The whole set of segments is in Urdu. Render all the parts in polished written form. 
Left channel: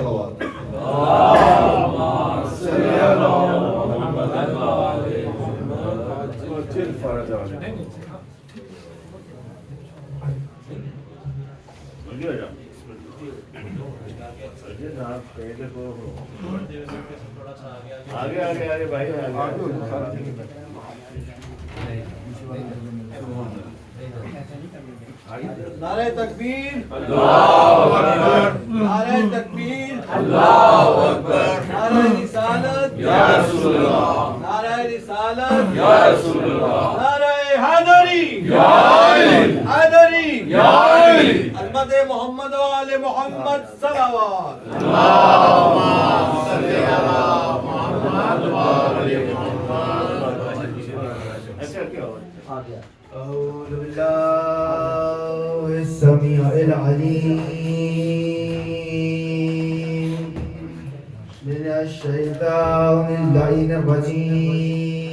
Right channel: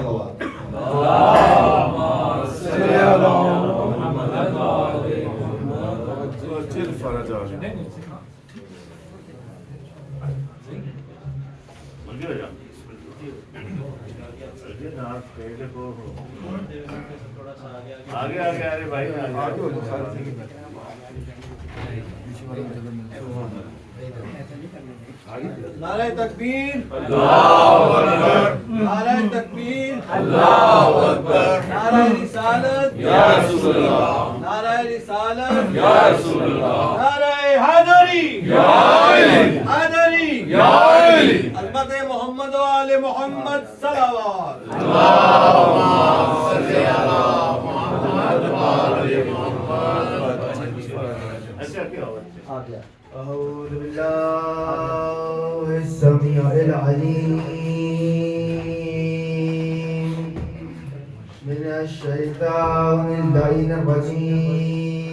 صلوات. اللهم صل على محمد وآل محمد وجل فرجهم. آگے آگے آگے بھائی نعرہ تکبیر، اللہ اکبر، نعرہ تکبیر، اللہ اکبر، نعرہ رسالت، یا رسول اللہ، نعرہ رسالت، یا رسول اللہ، نعرہ حیدری، یا علی، حیدری، یا علی، حضرت محمد و آل محمد صلوات. اللہم صلی علی محمد وآل محمد. اچھا کیا ہوا؟ أعوذ بالله السميع العليم من الشيطان اللعين الرجيم.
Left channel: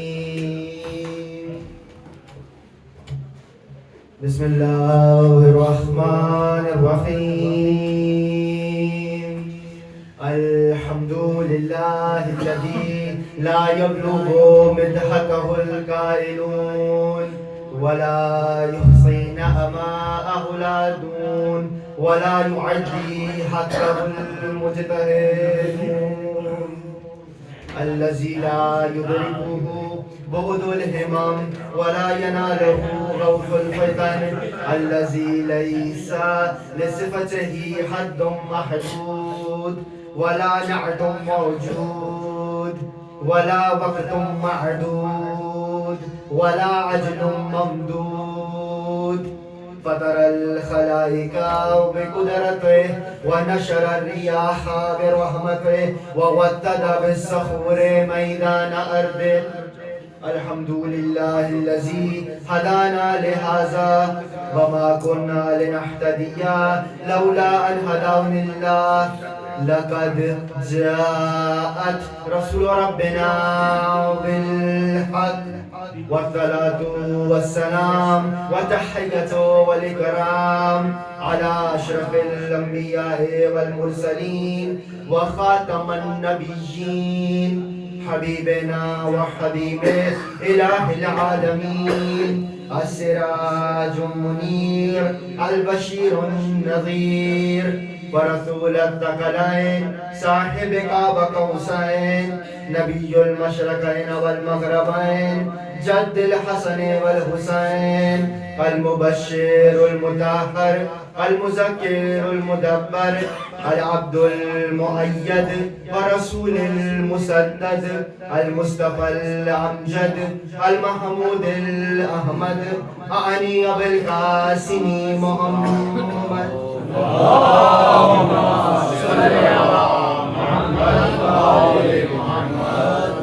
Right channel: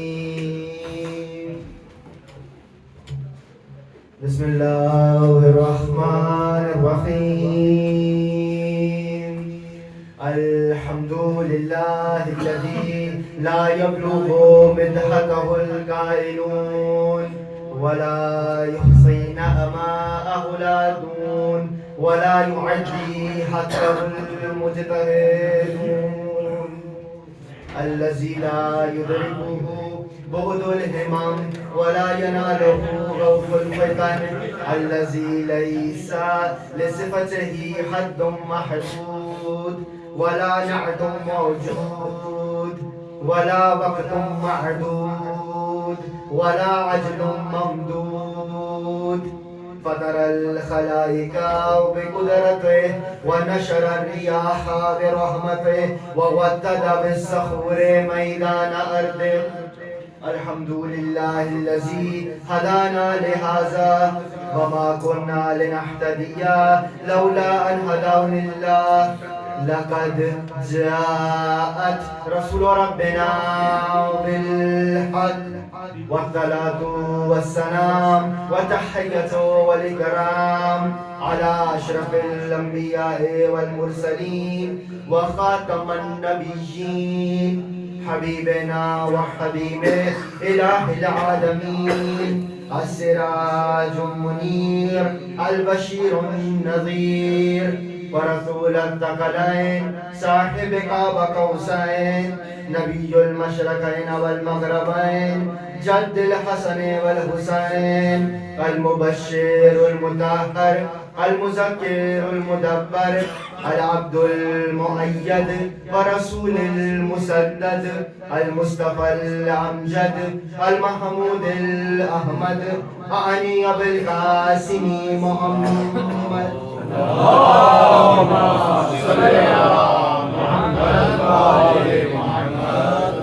بسم الله الرحمن الرحيم. الحمد لله الذي لا يبلغ مدحته القائلون ولا يحصي نعماءه العادون ولا يعدي حقه المجتهدون. الذي لا يدركه بعد الهمم ولا يناله غوث الفتن. الذي ليس لصفته حد محدود ولا نعت موجود ولا وقت معدود ولا عجل ممدود. فطر الخلائق بقدرته ونشر الرياح برحمته وودد بالصخور ميدان أرضه. الحمد لله الذي هدانا لهذا وما كنا لنهتدي لولا أن هدانا الله. لقد جاءت رسول ربنا بالحق والصلاة والسلام والتحية والإكرام على أشرف الأنبياء والمرسلين وخاتم النبيين حبيبنا وحبيب إله العالمين السراج المنير البشير النذير ورسول الثقلين صاحب قاب قوسين نبي المشرقين والمغربين جد الحسن والحسين المبشر المطهر المذكر المدبر العبد المؤيد ورسول المسدد المصطفى الأمجد المحمود الأحمد أعني بالقاسم محمد. اللهم صل على محمد وآل محمد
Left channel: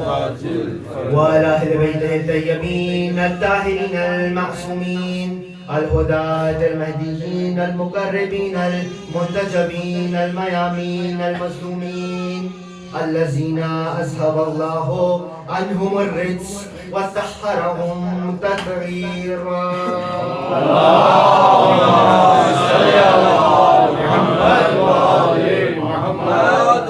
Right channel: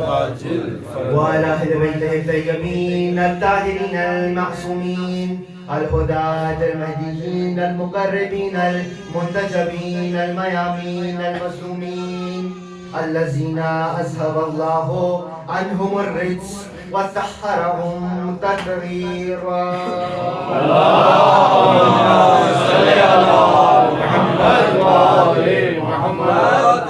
وعلى أهل بيته الطيبين الطاهرين المعصومين الهداة المهديين المقربين المنتجبين الميامين المظلومين الذين أذهب الله عنهم الرجس وطهرهم تطهيرا. اللهم صل على محمد وآل محمد.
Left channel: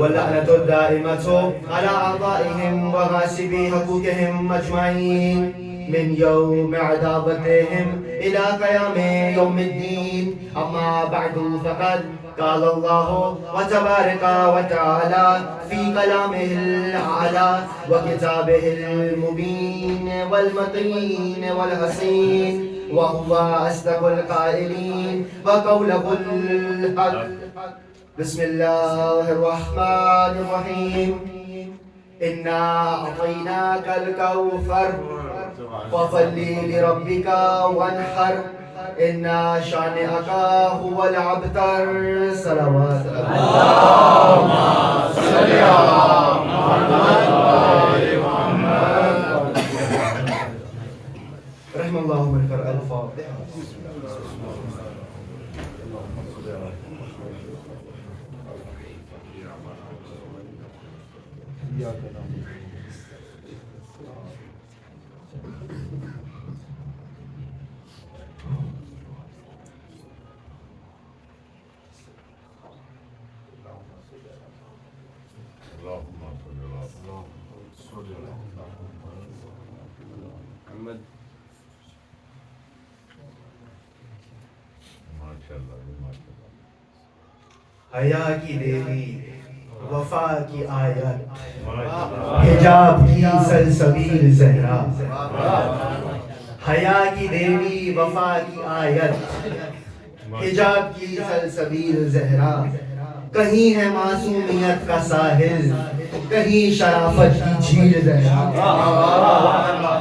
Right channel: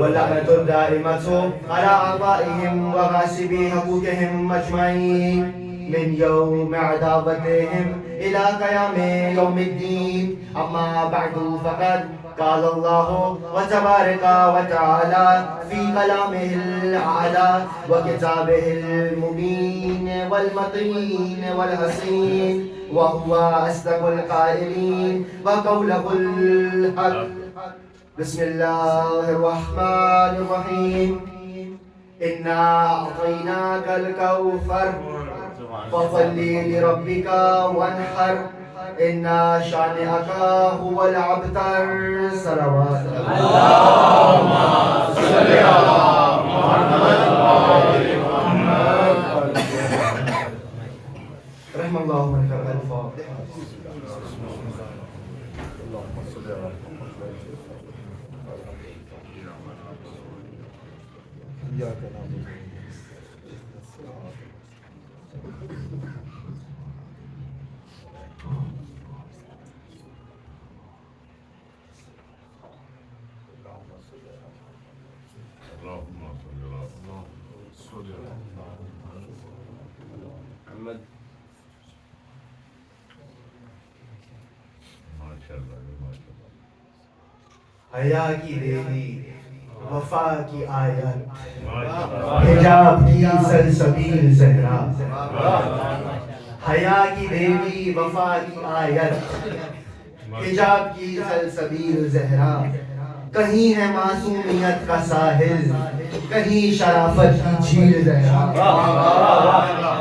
واللعنة الدائمة على أعضائهم وغاسبي حقوقهم أجمعين من يوم عذابتهم إلى قيام يوم الدين. أما بعد فقد قال الله وتبارك وتعالى في كلامه الأعلى وكتابه المبين والمتين والحسين وهو أصدق القائلين وقوله الحق. بسم الله الرحمن الرحيم. إنا أعطيناك الكوثر فصل لربك وانحر إن شانئك هو الأبتر. صلوات اللهم صل على محمد وآل محمد. رحم الله من قرأ الفاتحة. حیا کی دیوی وفا کی آیت حجاب کی سلسبیل زہرا حیا کی دیوی وفا کی آیت حجاب کی سلسبیل زہرا کہیں ہے معصومیت کا ساحل کہیں شرافت کی جھیل زہرا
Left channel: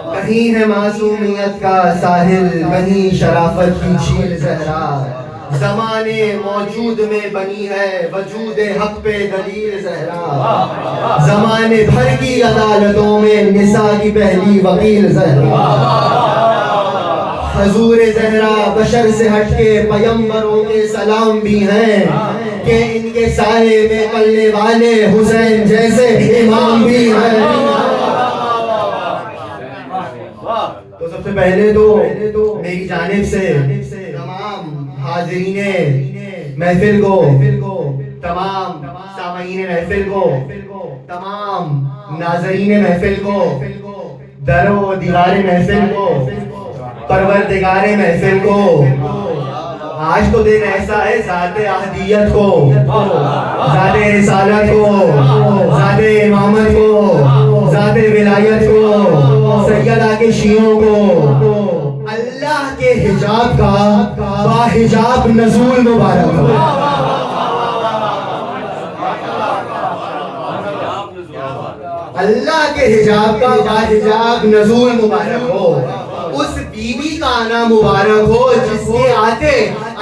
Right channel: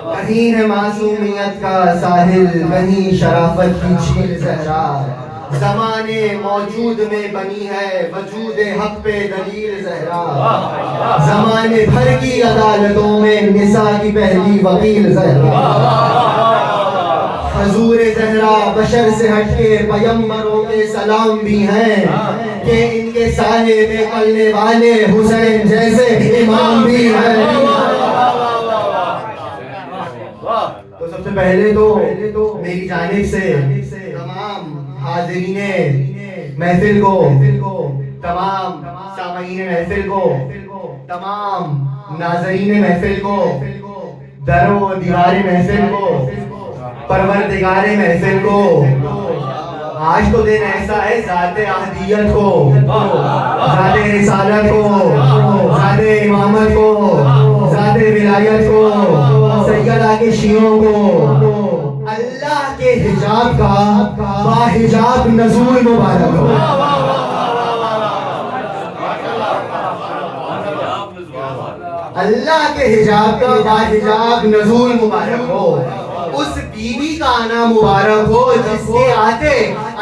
کہیں ہے معصومیت کا ساحل کہیں شرافت کی جھیل زہرا زمانے موجود میں بنی ہے وجود حق پہ دلیل زہرا زمانے بھر کی عدالتوں میں نساء کی پہلی وکیل زہرا حضور زہرا بشر سے ہٹ کے پیمبروں کے سلام بھی ہیں کہ ان کے سائے میں پلنے والے حسین جیسے امام بھی ہیں. تو سب سے پہلے تو میری جانب سے تمام حاضرین محفل کو تمام سامعین محفل کو تمام ناظرین محفل کو در و دیوار محفل کو پروردگار محفل کو آج تو دن ایسا ہے ذات احدیت کو ذات رسالت کو ذات امامت کو ذات ولایت کو سیدہ کے شیعوں کو اللہ کے حجاب کا باحجاب نزول مبارک ہو. اللہ کے حجاب کا باحجاب نزول مبارک ہو. اس بی بی کا آنا مبارک ہو جس کے آتے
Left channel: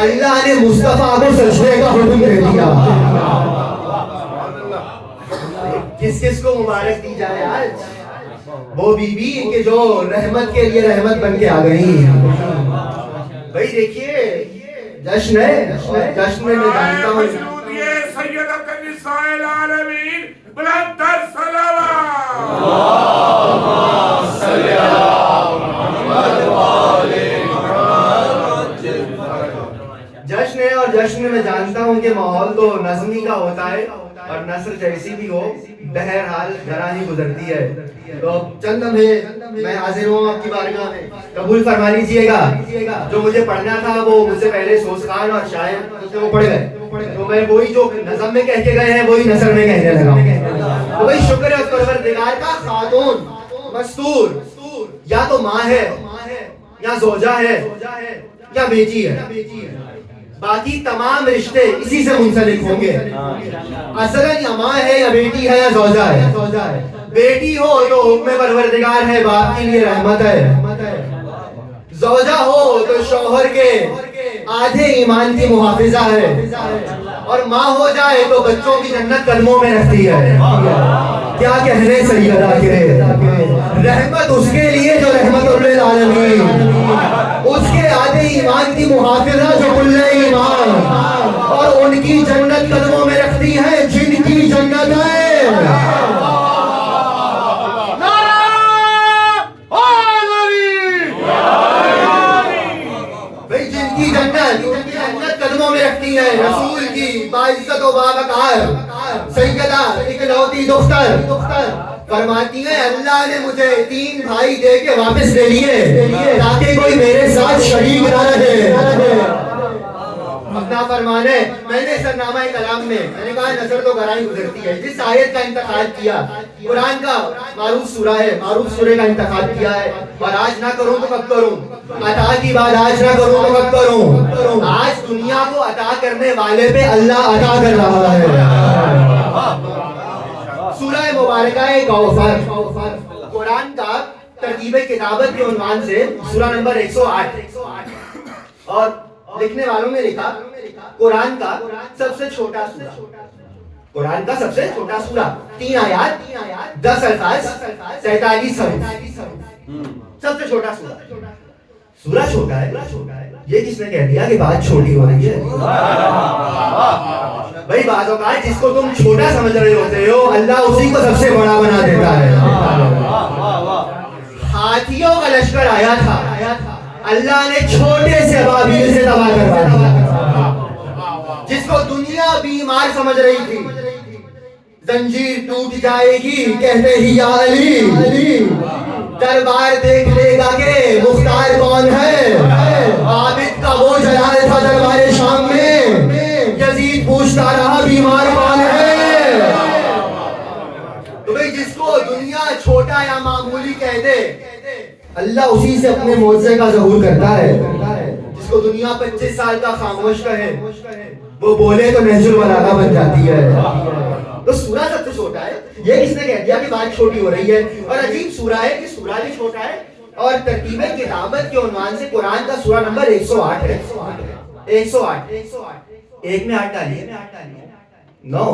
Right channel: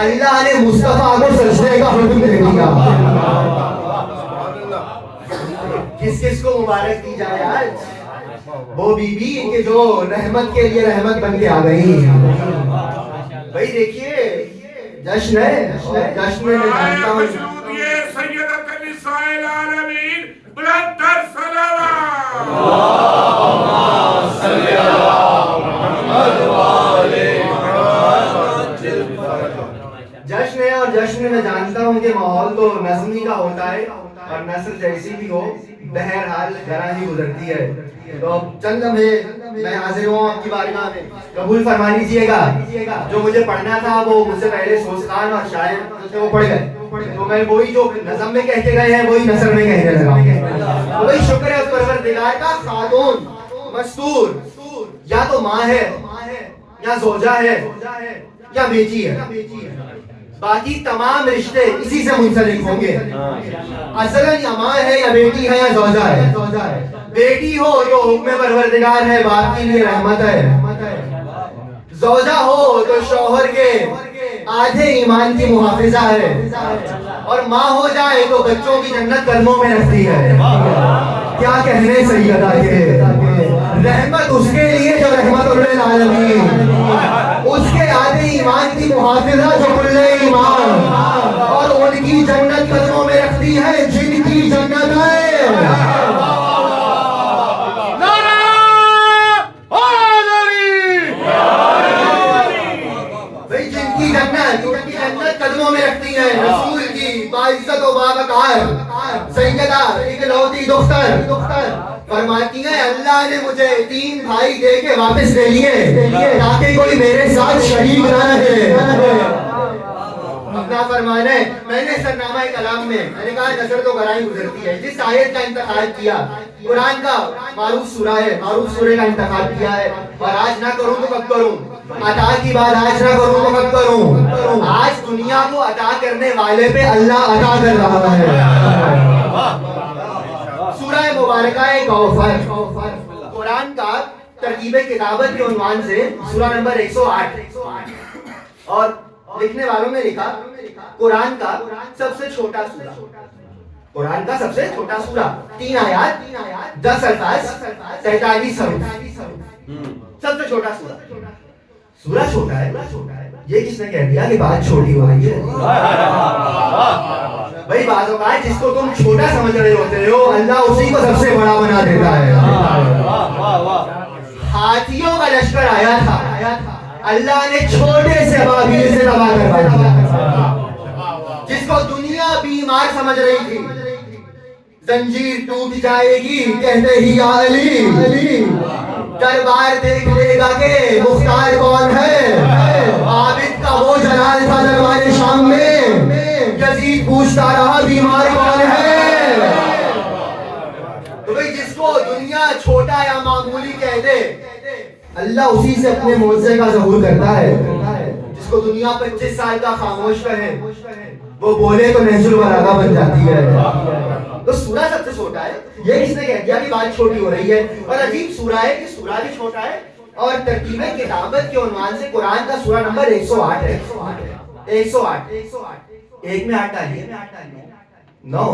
اللہ نے مصطفیٰ کو سجدے کا حکم دے دیا. کس کس کو مبارک دی جائے آج؟ وہ بی بی کہ جو رحمت کے لیے رحمت بن کے آ گئی. بھائی دیکھیے جشن ہے اور جشن میں جانتا ہوں سیدۃ النساء العالمین بلند تر صلوات جشن ہے اور جشن میں جانتا ہوں کہ ماحول تو نظمی کا ہوتا ہے اور نثر جیسی بھی ہو بہرحال ذرا ہی گزرتی ہے. تو چند لمحے میں حاضر ہوں آپ کی بارگاہ میں قبول فرما لیجیے گا. جو مجھے پڑھنا تھا وہ مجھ سے پہلے سوسخان اور شاعر وہ پڑھ گئے تو میں وہی جو نظم میں کہہ کے گئے ہیں وہی نثر میں کہنے لگا. وہی شکر ہے پروردگار کا. خاتون مستور یا تو ماں ہے یا زوجہ ہے یا بیٹی ہے. باقی تمام رشتے اسی سے منسلک ہوں گے. اصلاً یا ماں ہے یا بیٹی ہے یا زوجہ ہے. بیٹی ہو تو حکم پروردگار ہے باپ کے لیے رحمت ہے. زوجہ ہو تو شوہر کے آدھے ایمان کی محافظہ ہے. اور ماں ہو جائے تو بچوں کی جنت قدموں میں رکھتی ہے. کیا کہنے سیدہ کے رحمت اس کے لیے جو رحمت للعالمین اس کے آدھے ایمان کی محافظہ جو کل ایمان اور ان کی جنت قدموں میں رکھتی ہے جن کی جنت ہے قدموں میں رکھتی ہے. رسول کی باعزت و باوقار سیدہ اکلوتی دختر فرماتی ہیں اللہ نے مجھے 3 بھائی دے کے واپس لے لیے تاکہ کوئی میرے ساتھ شریک نہ رہے. اپنا فرمانے میں نے سرنامہ کلام میں نے کہا نظر تو گرائی گزرتی ہے. جس آیت کا انتخاب کیا قرآن کا معروف سورہ ہے معروف سورے کا انتخاب کیا ہے. اور آج نہ کروں تو کب کروں. عطا کی بات آج نہ کروں تو کب کروں. آج دنیا کو عطا کرنے والے پہ اللہ عطا کر رہا ہے. سورہ مبارکہ کوثر قرآن کا ترتیب کتابت کے عنوان سے سورہ نمبر 108 اور لکھنے والوں نے لکھا قرآن کا سب سے چھوٹا سورہ. قرآن کا سب سے چھوٹا سورہ 3 آیات 10 الفاظ 43 حروف. سب سے چھوٹا سورہ. سورہ چھوٹا ہے یہ کس نے کہہ دیا کہ بات چھوٹی ہو رہی ہے؟ بھائی بعض اوقات جس کو تم چھوٹا سمجھ رہے ہوتے ہو اللہ اسی کو سب سے بڑا بنا دیتا ہے. ہاتھیوں کا لشکر آیا تھا اللہ نے چھوٹے سے ابابیل سے تباہ کروا دیا. جس کو دنیا بیمار سمجھ رہی تھی زنجیر ٹوٹ جائے گی کہتے ہی یا علی علی، دربار دیکھ لے گا کہ مختار کون ہے، عابد کا وہ جلال تھا دربار شام میں، یزید پوچھتا رہا بیمار کون ہے۔ تو بھئی جس کو دنیا چھوٹا یا معمولی کہہ دے، اللہ اسی سے اپنے معجزے کا ظہور کرتا ہے۔ جس کو دنیا 25 سال کا خاموش کہے، وہ بولے تو نہج البلاغہ بن جاتی ہے۔ تو سورہ سب سے چھوٹا ہے، یہ کس نے کہہ دیا کہ بات چھوٹی ہو رہی ہے؟ اور عجیب سورہ ہے کہ سورہ بھی چھوٹا ہے، اور ترتیب کتابت کے عنوان سے قرآن کا سورہ نمبر 108 ہے۔ 108 ایک میں 8 ڈالیے، 9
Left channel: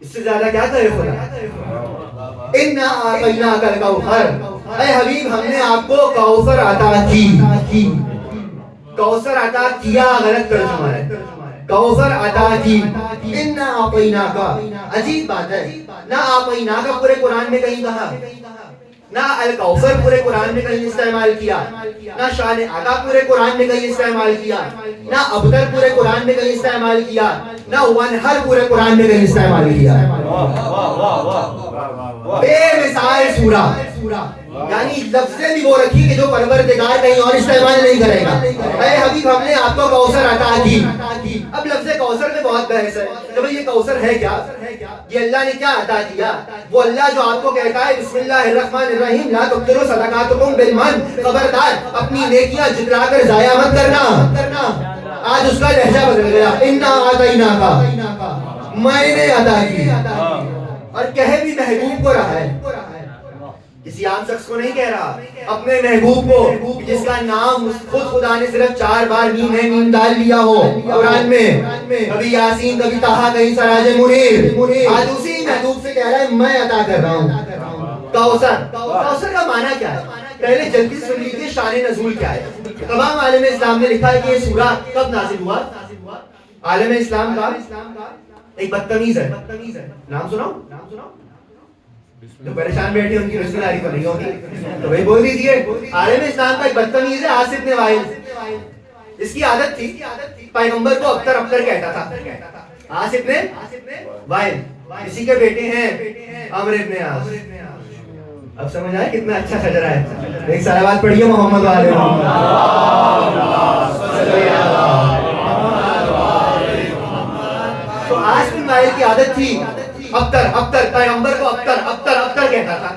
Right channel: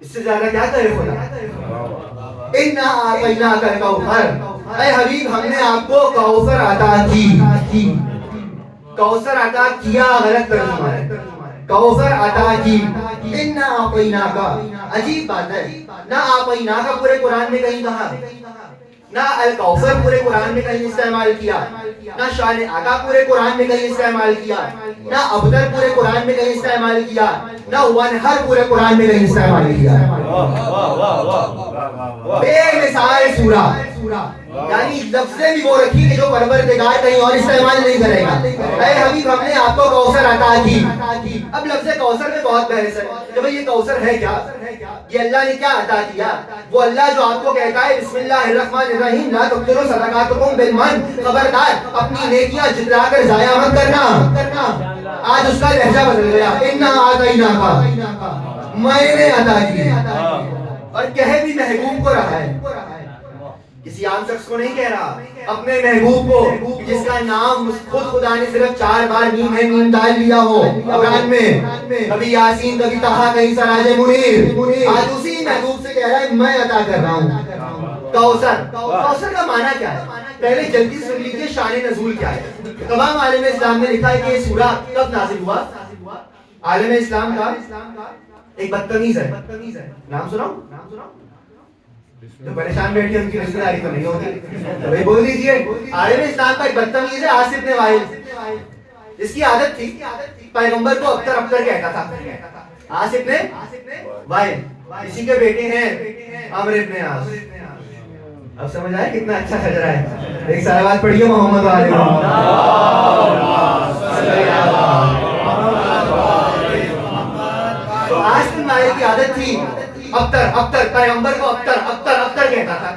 اس سے زیادہ کیا کرے خدا؟ اِنَّا أَعْطَيْنَاكَ الْكَوْثَرَ، اے حبیب ہم نے آپ کو کوثر عطا کی۔ کوثر عطا کیا غلط ترجمہ ہے، کوثر عطا کی۔ اِنَّا أَعْطَيْنَاكَ، عجیب بات ہے، نہ أَعْطَيْنَاكَ پورے قرآن میں کہیں کہا، نہ الکوثر پورے قرآن میں کہیں استعمال کیا، نہ شان عطا پورے قرآن میں کہیں استعمال کیا، نہ ابتر پورے قرآن میں کہیں استعمال کیا، نہ ونہر پورے قرآن میں کہیں استعمال کیا۔ بے مثال سورہ، یعنی لفظیں بھی وہ رکھی کہ جو پروردگار کہیں اور استعمال نہیں کرے گا۔ اے حبیب ہم نے آپ کو کوثر عطا کی۔ اب لفظ کوثر میں بہت بحث ہے کہ بھئی یہ کوثر ہے کیا، یہ اللہ نے کیا عطا کیا؟ وہ اللہ جو آپ کو کہتا ہے بسم اللہ الرحمن الرحیم لا تبطلوا صدقاتکم بالمن، خبردار اپنی نیکیاں جتلا کر ضائع مت کرنا۔ آج اس کا لہجہ بدل گیا، اِنَّا أَعْطَيْنَاكَ، میں نے عطا کی، اور کہے بھی محبوب کو رہا ہے، کسی عام شخص کو نہیں کہہ رہا، اپنے محبوب کو جس کا نام خود خدا نے صرف 4 بار میم ہے میم ڈال لیا ہو قرآن میں، کبھی یاسین، کبھی طٰہٰ، کہیں سراج منیر، آج اسی محبوب سے کہہ رہا ہے میں عطا کر رہا ہوں کوثر۔ کوثر کا معنی کیا ہے؟ پہلے جلدی سن لیجیے شان نزول کیا ہے۔ تمام عالم اسلام نے لکھا ہے کہ یہ سورہ کب نازل ہوا؟ عالم اسلام کا ایک بدتمیز ہے، نام سناؤ تو پریشان بیٹھے، ان کی رشتہ داری تو نہیں ہوگی تو بھائی بول دیجیے۔ عالم اسلام کا ایک بدتمیز ہے عاصف بن وائل، اس کی عادت تھی پیغمبر کو ابتر ابتر کہتا تھا۔ عاصف بن وائل اسی کے بیٹے ہیں عمرو بن عاص۔ اب سمجھ آئے کتنا اچھا خجرہ ہے؟ ایک صلوات پڑھیے محمد والے تو عاصف بن وائل کی عادت تھی ابتر، پیغمبر کو ابتر کہتا تھا۔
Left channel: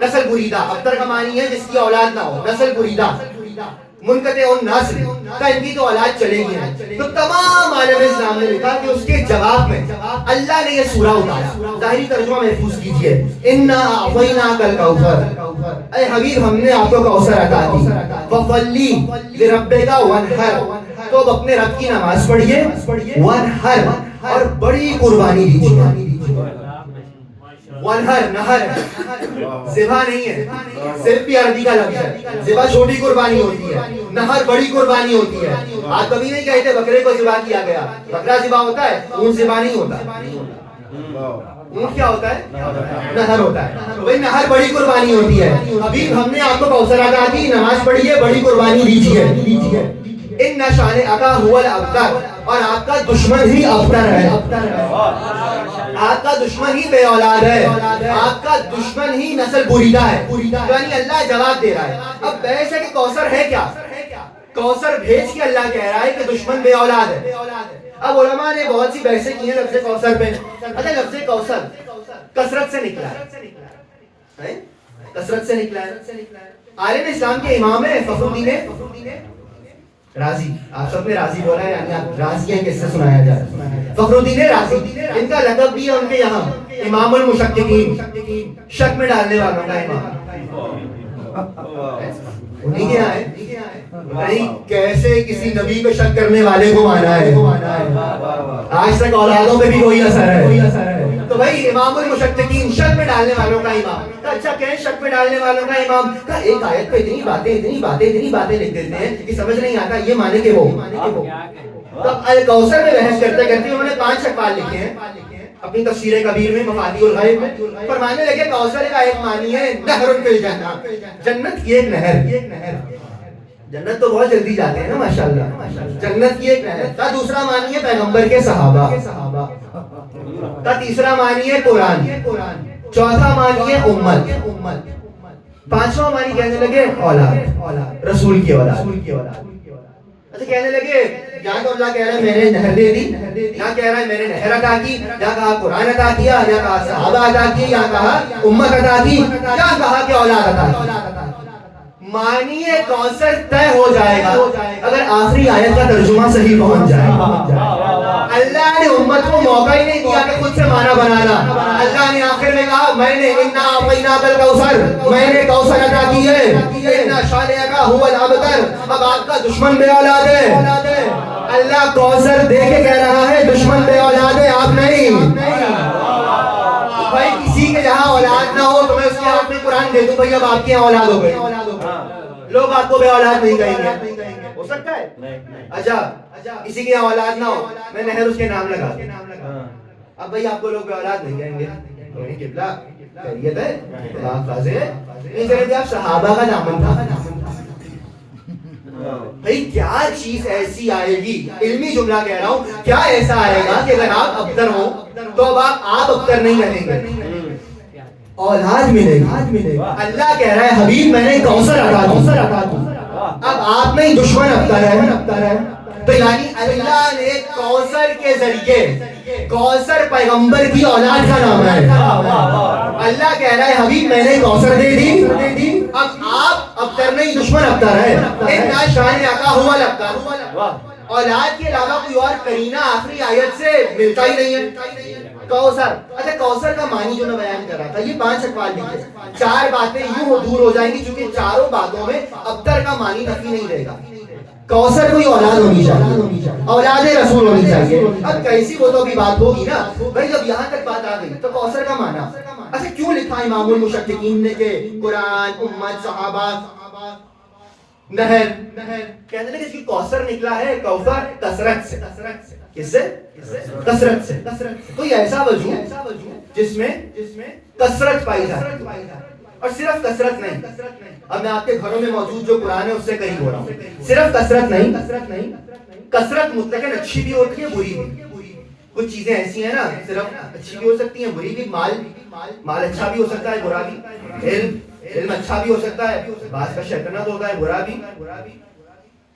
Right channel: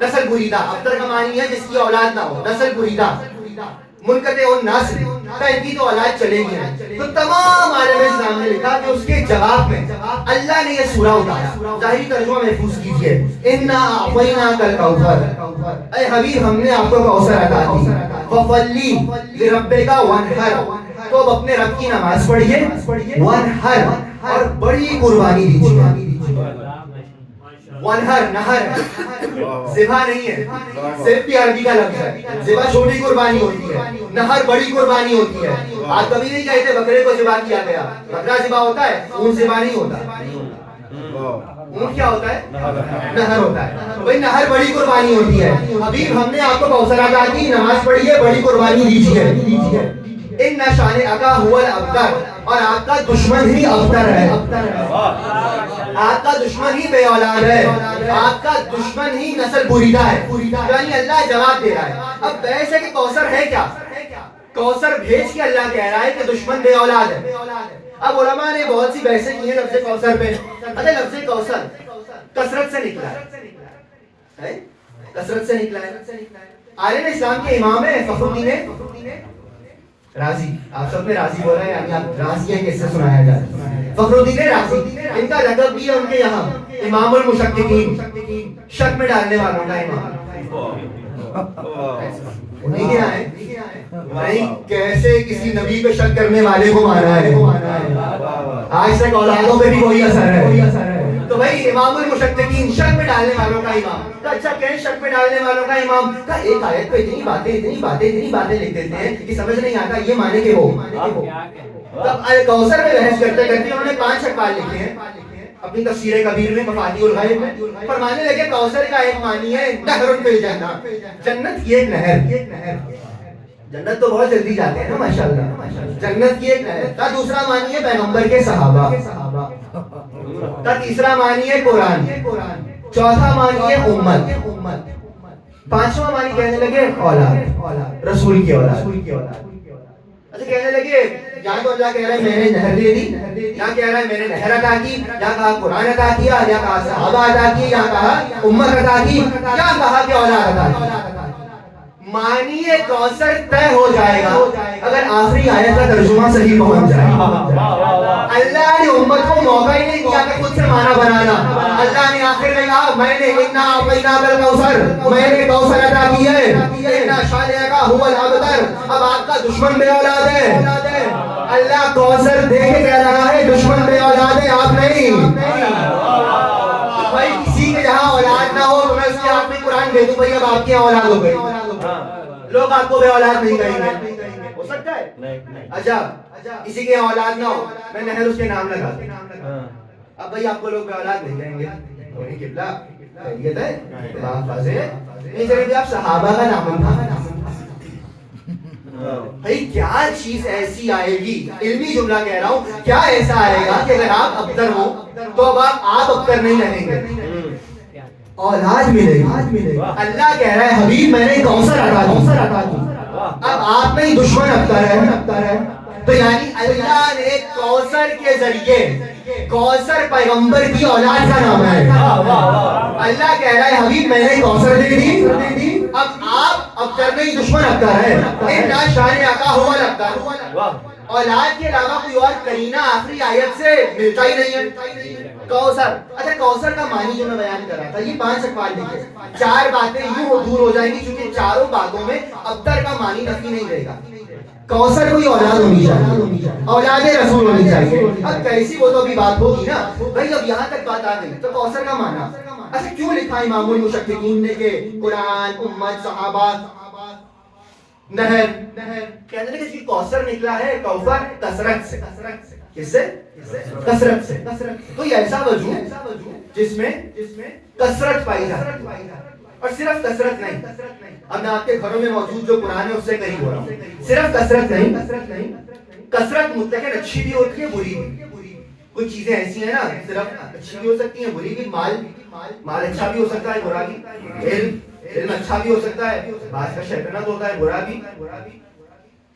نسل بریدہ، ابتر کا معنی ہے جس کی اولاد نہ ہو، نسل بریدہ، منقطع النسل، ان کی تو اولاد چلے گی نہیں۔ تو تمام عالم اسلام نے لکھا کہ اس کے جواب میں اللہ نے یہ سورہ اتارا۔ ظاہری ترجمہ محفوظ کیجئے، اِنَّا أَعْطَيْنَاكَ الْكَوْثَرَ، اے حبیب ہم نے آپ کو کوثر عطا کی، وَصَلِّ لِرَبِّكَ وَانْحَرْ، تو اب اپنے رب کی نماز پڑھیے، وَانْحَرْ، اور بڑی قربانی دیجیے۔ ونہر، نہر، ذبح نہیں ہے، صرف بھی عربی کا لفظ ہے۔ ذبح چھوٹی قربانی ہوتی ہے، نہر بڑی قربانی ہوتی ہے۔ آپ کبھی نہیں کہتے بکرے کو ذبح کیا گیا، بکرا ذبح ہوتا ہے، اونٹ ذبح نہیں ہوتا۔ اونٹ کیا ہوتا ہے؟ نہر ہوتا ہے۔ وہی نہر بڑی قربانی ہوتی ہے۔ حبیب ہم نے آپ کو کوثر عطا کی، نماز پڑھیے، بڑی قربانی دیجیے۔ ان شانئک هو الابتر، اور آپ کا دشمن ہی ابتر ہے، آپ کا دشمن ہی بے اولاد ہے، آپ کا دشمن ہی نسل بریدہ ہے۔ یعنی اللہ جواب دے رہا ہے۔ اب بحث ہے کہ کوثر ہے کیا؟ کوثر بھیج کے اللہ کہہ رہا ہے کہ دشمن بے اولاد ہے۔ اب علماء نے بہت سی بحثیں کی ہیں لفظ کوثر پہ۔ اچھا لفظ کوثر کثرت سے نکلا ہے، کثرت سے نکلا ہے۔ عالم اسلام کے امام ہیں فخر الدین رازی، آپ سب نے رازی بولا ہے، یعنی آپ رازی ہیں، کس سے سنایا جائے؟ فخر الدین رازی، ان کا لقب بھی ہے ان کے یہاں امام المشککین، شک میں ڈالنے والوں کا امام۔ انہیں کیا ہے؟ نہیں کیسے کسی نبی پہ شک کرنے والے کو مانا ہے، آج تک اولادوں پہ بھی وہی اثر ہے۔ تو بھائی امام المشککین، شک میں ڈالنے والوں کا امام۔ اچھا کہیں شک میں ڈالنے والوں کا امام کا ایک آیت پہ اتنی باتیں لکھ دیتے ہیں کہ سمجھ نہیں آتا یہ مانے کہ وہ۔ تب الکوثر میں بحث کرتے انہوں نے 5 اقوال لکھے ہیں اپنی تفسیر کبیر میں، مفاتیح الغیب میں۔ فرمانے لگے کوثر کا ایک معنی ہے نہر فی الجنہ، جنت کی ایک نہر۔ جنت تو بہت جلدی جاتے ہیں نا ماشاءاللہ، جنت کی ایک نہر کا۔ دوسرا معنی ہے پیغمبر کے صحابہ، کا تیسرا معنی ہے قرآن، چوتھا معنی ہے امت، پانچواں معنی کہنے لگے اولاد، رسول کی اولاد۔ اچھا کہنے لگے یہاں تو اللہ کہہ رہا ہے میں نے نہر دے دی، یہاں کہہ رہا ہے میں نے نہر عطا کی، یہاں کہا قرآن عطا کیا، یہاں کہا صحابہ عطا کی، یہاں کہا امت عطا کی، یہاں کہا کہ اولاد عطا کی۔ معنی کوثر طے ہو جائے گا اگر آخری آیت کا ترجمہ صحیح پہنچ جائے۔ اللہ نے امت کو موقع ہی نہیں دیا کہ خود سے معنی بنانا۔ اللہ نے آخر میں کہا میں نے انا اعطیناک الکوثر، میں نے کوثر عطا کی ہے، انا شانئک ھو الابتر۔ اب آپ کا دشمن بے اولاد ہے، اللہ کوثر دے کے کہہ رہا ہے دشمن بے اولاد ہے، آپ نہیں۔ بھائی کسی کے جہاں اولاد نہ ہو تو میں اس کے ہاتھ میں قرآن دے دوں بھائی اب آپ کی اولاد ہو گئی، لوگ آپ کو بے اولاد نہیں کہیں گے، ہو سکتا ہے؟ اچھا کسی کے اولاد نہ ہو میں نہر اس کے نام لگا دوں، اب بھائی آپ کو لوگ بے اولاد نہیں کہیں گے، کوئی قبلہ خیریت ہے، آپ واضح ہے؟ نہیں کریں گے آپ صحابہ کا نام تھا۔ بھائی کیا چیز ایسی آئے گی، علمی جملہ کہہ رہا ہوں، کیا ایسا آئے گا کہ اگر آپ ابتر ہو تو اب آپ ابتر نہیں کہیں گے، اولاد ملے گی۔ اللہ کہہ رہا ہے حبیب میں نے کوثر عطا کی، اب آپ نہیں دشمن ابتر ہے۔ تو یعنی اللہ نے کوثر کے ذریعے، کوثر پیغمبر کی اولاد کا نام ہے، اللہ کہہ رہا ہے حبیب میں نے کوثر دے دی، اب آپ ابتر نہیں دشمن ابتر ہے۔ انا شانئک ھو الابتر، اولاد کے علاوہ کوئی اور کرینہ آخری آیت سے ملتا ہی نہیں ہے۔ کوثر، اچھا کوثر کا معنی جو میں بیان کر رہا تھا یہ 5 اقوال لکھے، 4 باتیں یوں دور ہو جائیں گی چونکہ چاروں باتوں میں ابتر کا معنی نفی نہیں رہے گا۔ کوثر کوئی اولاد ہونی چاہیے، اولاد رسول ہونی چاہیے۔ اب کیسی وہ تو ابھی بات ہوگی نا بھائی، جب یہاں تک بات آ گئی تو کوثر کا معنی اچھا کیوں لکھا امام المشککین نے کہ قرآن، امت، صحابہ، نہر، کہنے لگے کہ کوثر نکلا ہے کوثر کثرت سے، کس سے؟ کثرت سے۔ کوئی ایسا وجود جس میں کثرت پائی جاتی ہے، اور صرف کثرت نہیں، اب میں آپ کے گھروں میں موجود جو قرآن ہے اس سے قریب ہو رہا ہوں، صرف کثرت نہیں، کثرت مطلقاً اچھی بھی ہوتی ہے بری بھی، کچھ چیزیں ایسی ہیں نا صرف اچھی بھی ہو سکتی ہیں بری بھی، مال اچھا بھی ہو سکتا ہے برا بھی، علم اچھا بھی ہو سکتا ہے، بعض کا شیطنت ہوتا ہے برا بھی،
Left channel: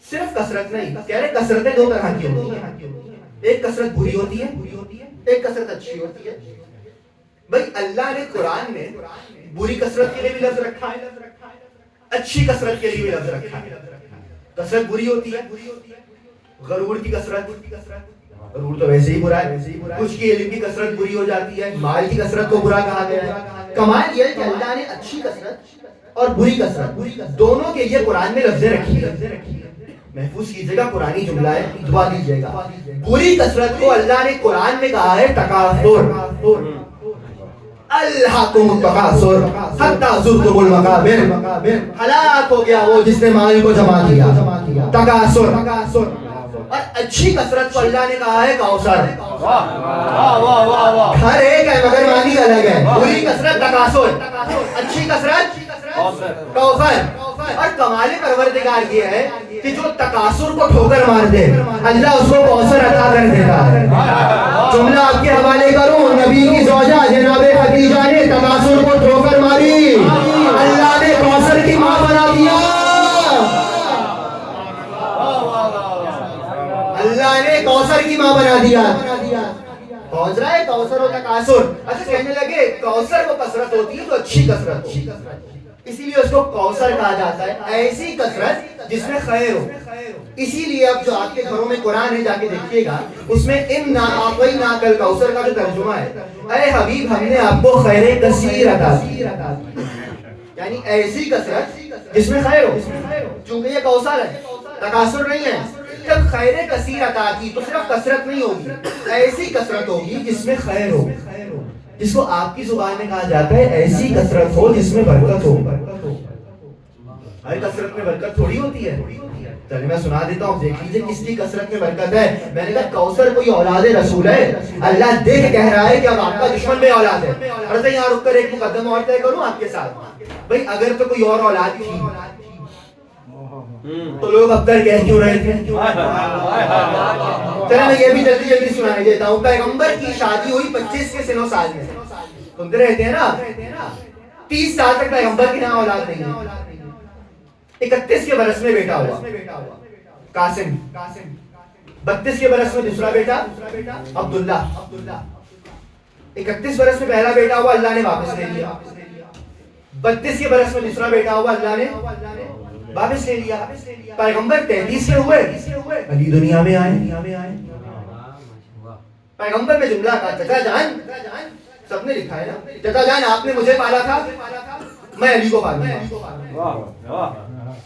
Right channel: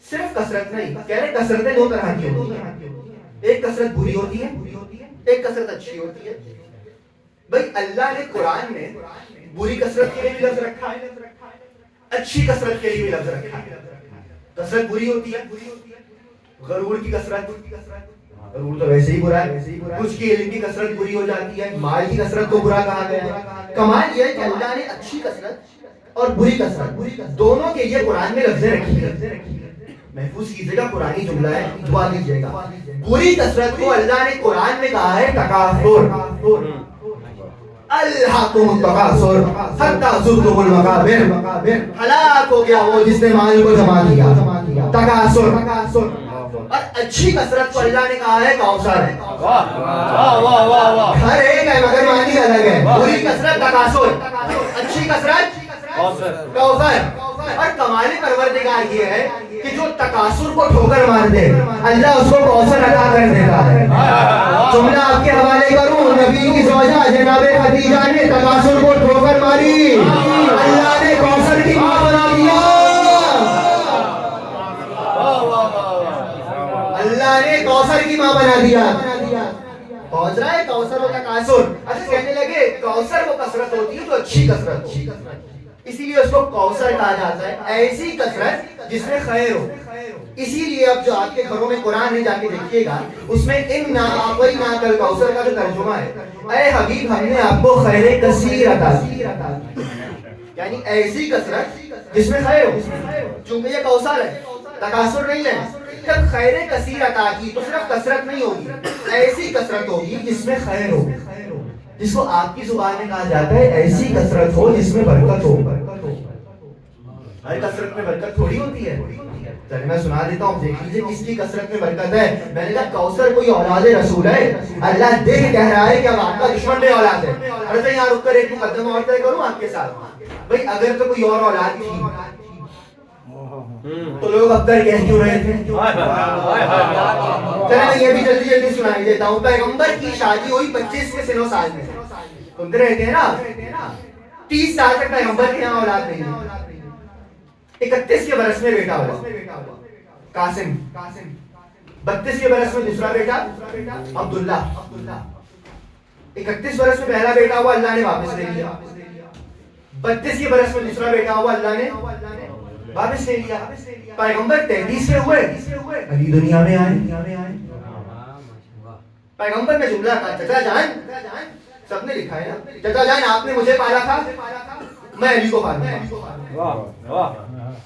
صرف کثرت نہیں۔ کہہ رہے کثرتیں 2 طرح کی ہوتی ہیں، ایک کثرت بری ہوتی ہے، ایک کثرت اچھی ہوتی ہے۔ بھائی اللہ نے قرآن میں بری کثرت کے لیے بھی لفظ رکھا ہے، اچھی کثرت کے لیے بھی لفظ رکھا ہے۔ کثرت بری ہوتی ہے، غرور کی کثرت، غرور تو ویسے ہی برا ہے، کچھ کی علم کی کثرت بری ہو جاتی ہے، مال کی کثرت کو برا کہا گیا ہے۔ کمال یہ ہے کہ اللہ نے اچھی کثرت اور بری کثرت دونوں کے لیے قرآن میں لفظیں رکھی ہے، محفوظ کیجیے گا قرآنی جملہ ہے، دعا کیجیے گا۔ بری کثرت کو اللہ نے قرآن میں کہا ہے تکاثر، الہاکم التکاثر حتی زرتم المقابر، ہلاک ہو گیا وہ جس نے مال کو جمع کیا، تکاثر۔ اور اچھی کثرت کو اللہ نے کہا ہے کوثر، ہر ایک ہے مگر معنی کا الگ ہے۔ بری کثرت تکاثر، اچھی کثرت کوثر۔ اور کمال پروردگار یہ ہے کہ جو تکاثر کو ٹھوکر مار دے اللہ اس کو کوثر عطا کر دیتا ہے۔ جملہ آپ کے حوالے کروں، نبی کی زوجہ جناب خدیجہ نے تکاثر کو ٹھوکر ماری، اللہ نے کوثر کی ماں بنا دیا، اللہ نے کوثر کی ماں بنا دیا۔ پہنچ رہا ہے کوثر و تکاثر۔ اچھا کہنے لگے کوثر وہ کثرت ہوتی ہے جو اچھی کثرت ہو، اسی لیے اس کو کوثر کہا جاتا ہے، ایسی کثرت جس میں خیر ہو۔ اسی لیے اب جو آپ کے گھروں میں قرآن ہے جا کے دیکھیے گا، اس میں انا اعطیناک الکوثر کا جو ترجمہ ہے، اے حبیب ہم نے آپ کو خیر کثیر عطا کی، یعنی ایسی کثرت جس میں خیر ہو، چونکہ یہ کوثر ہے تکاثر نہیں ہے۔ جب خیر کثیر عطا کی تو صرف کثرت نہیں ہوگی، ایسی کثرت ہوگی جس میں خیر ہو، جس کو آپ کی زبان میں کہا جاتا ہے ایسی کثرت ہو جس میں برکت ہو۔ ہر کثرت میں برکت تھوڑی ہوتی ہے، چلیے میں سنا دیتا ہوں، دیکھ لیجیے کس کی کثرت میں برکت ہے۔ میں نے کہا کوثر کوئی اولاد رسول ہے، اللہ دیکھ کہہ رہا ہے کہ اب آپ کا دشمن بے اولاد ہے۔ اور یہاں رک کر ایک مقدمہ اور طے کروں آپ کے ساتھ، بھائی اگر تو کوئی اور اولاد تھی تو لوگ اب تک کہہ کیوں رہے تھے؟ چلے میں یہ بھی جلدی جلدی سنائی دیتا ہوں. پیغمبر کی شادی ہوئی 25 کے سن و سال میں. سنتے رہتے ہیں نا, 30 سال تک پیغمبر کے یہاں اولاد نہیں ہے. 31 کے برس میں بیٹا ہوا قاسم. 32 کے برس میں دوسرا بیٹا عبداللہ. 31 برس میں پہلا بیٹا ہوا, اللہ نے واپس لے لیا. 32 کے برس میں دوسرا بیٹا ہوا, اللہ نے واپس لے لیا. پیغمبر 33 کے ہوئے, علی دنیا میں آئے. پیغمبر نے جملہ کہا, چچا جان, سب نے لکھا ہے نا, چچا جان آپ نے مجھے پالا تھا, میں علی کو پالوں.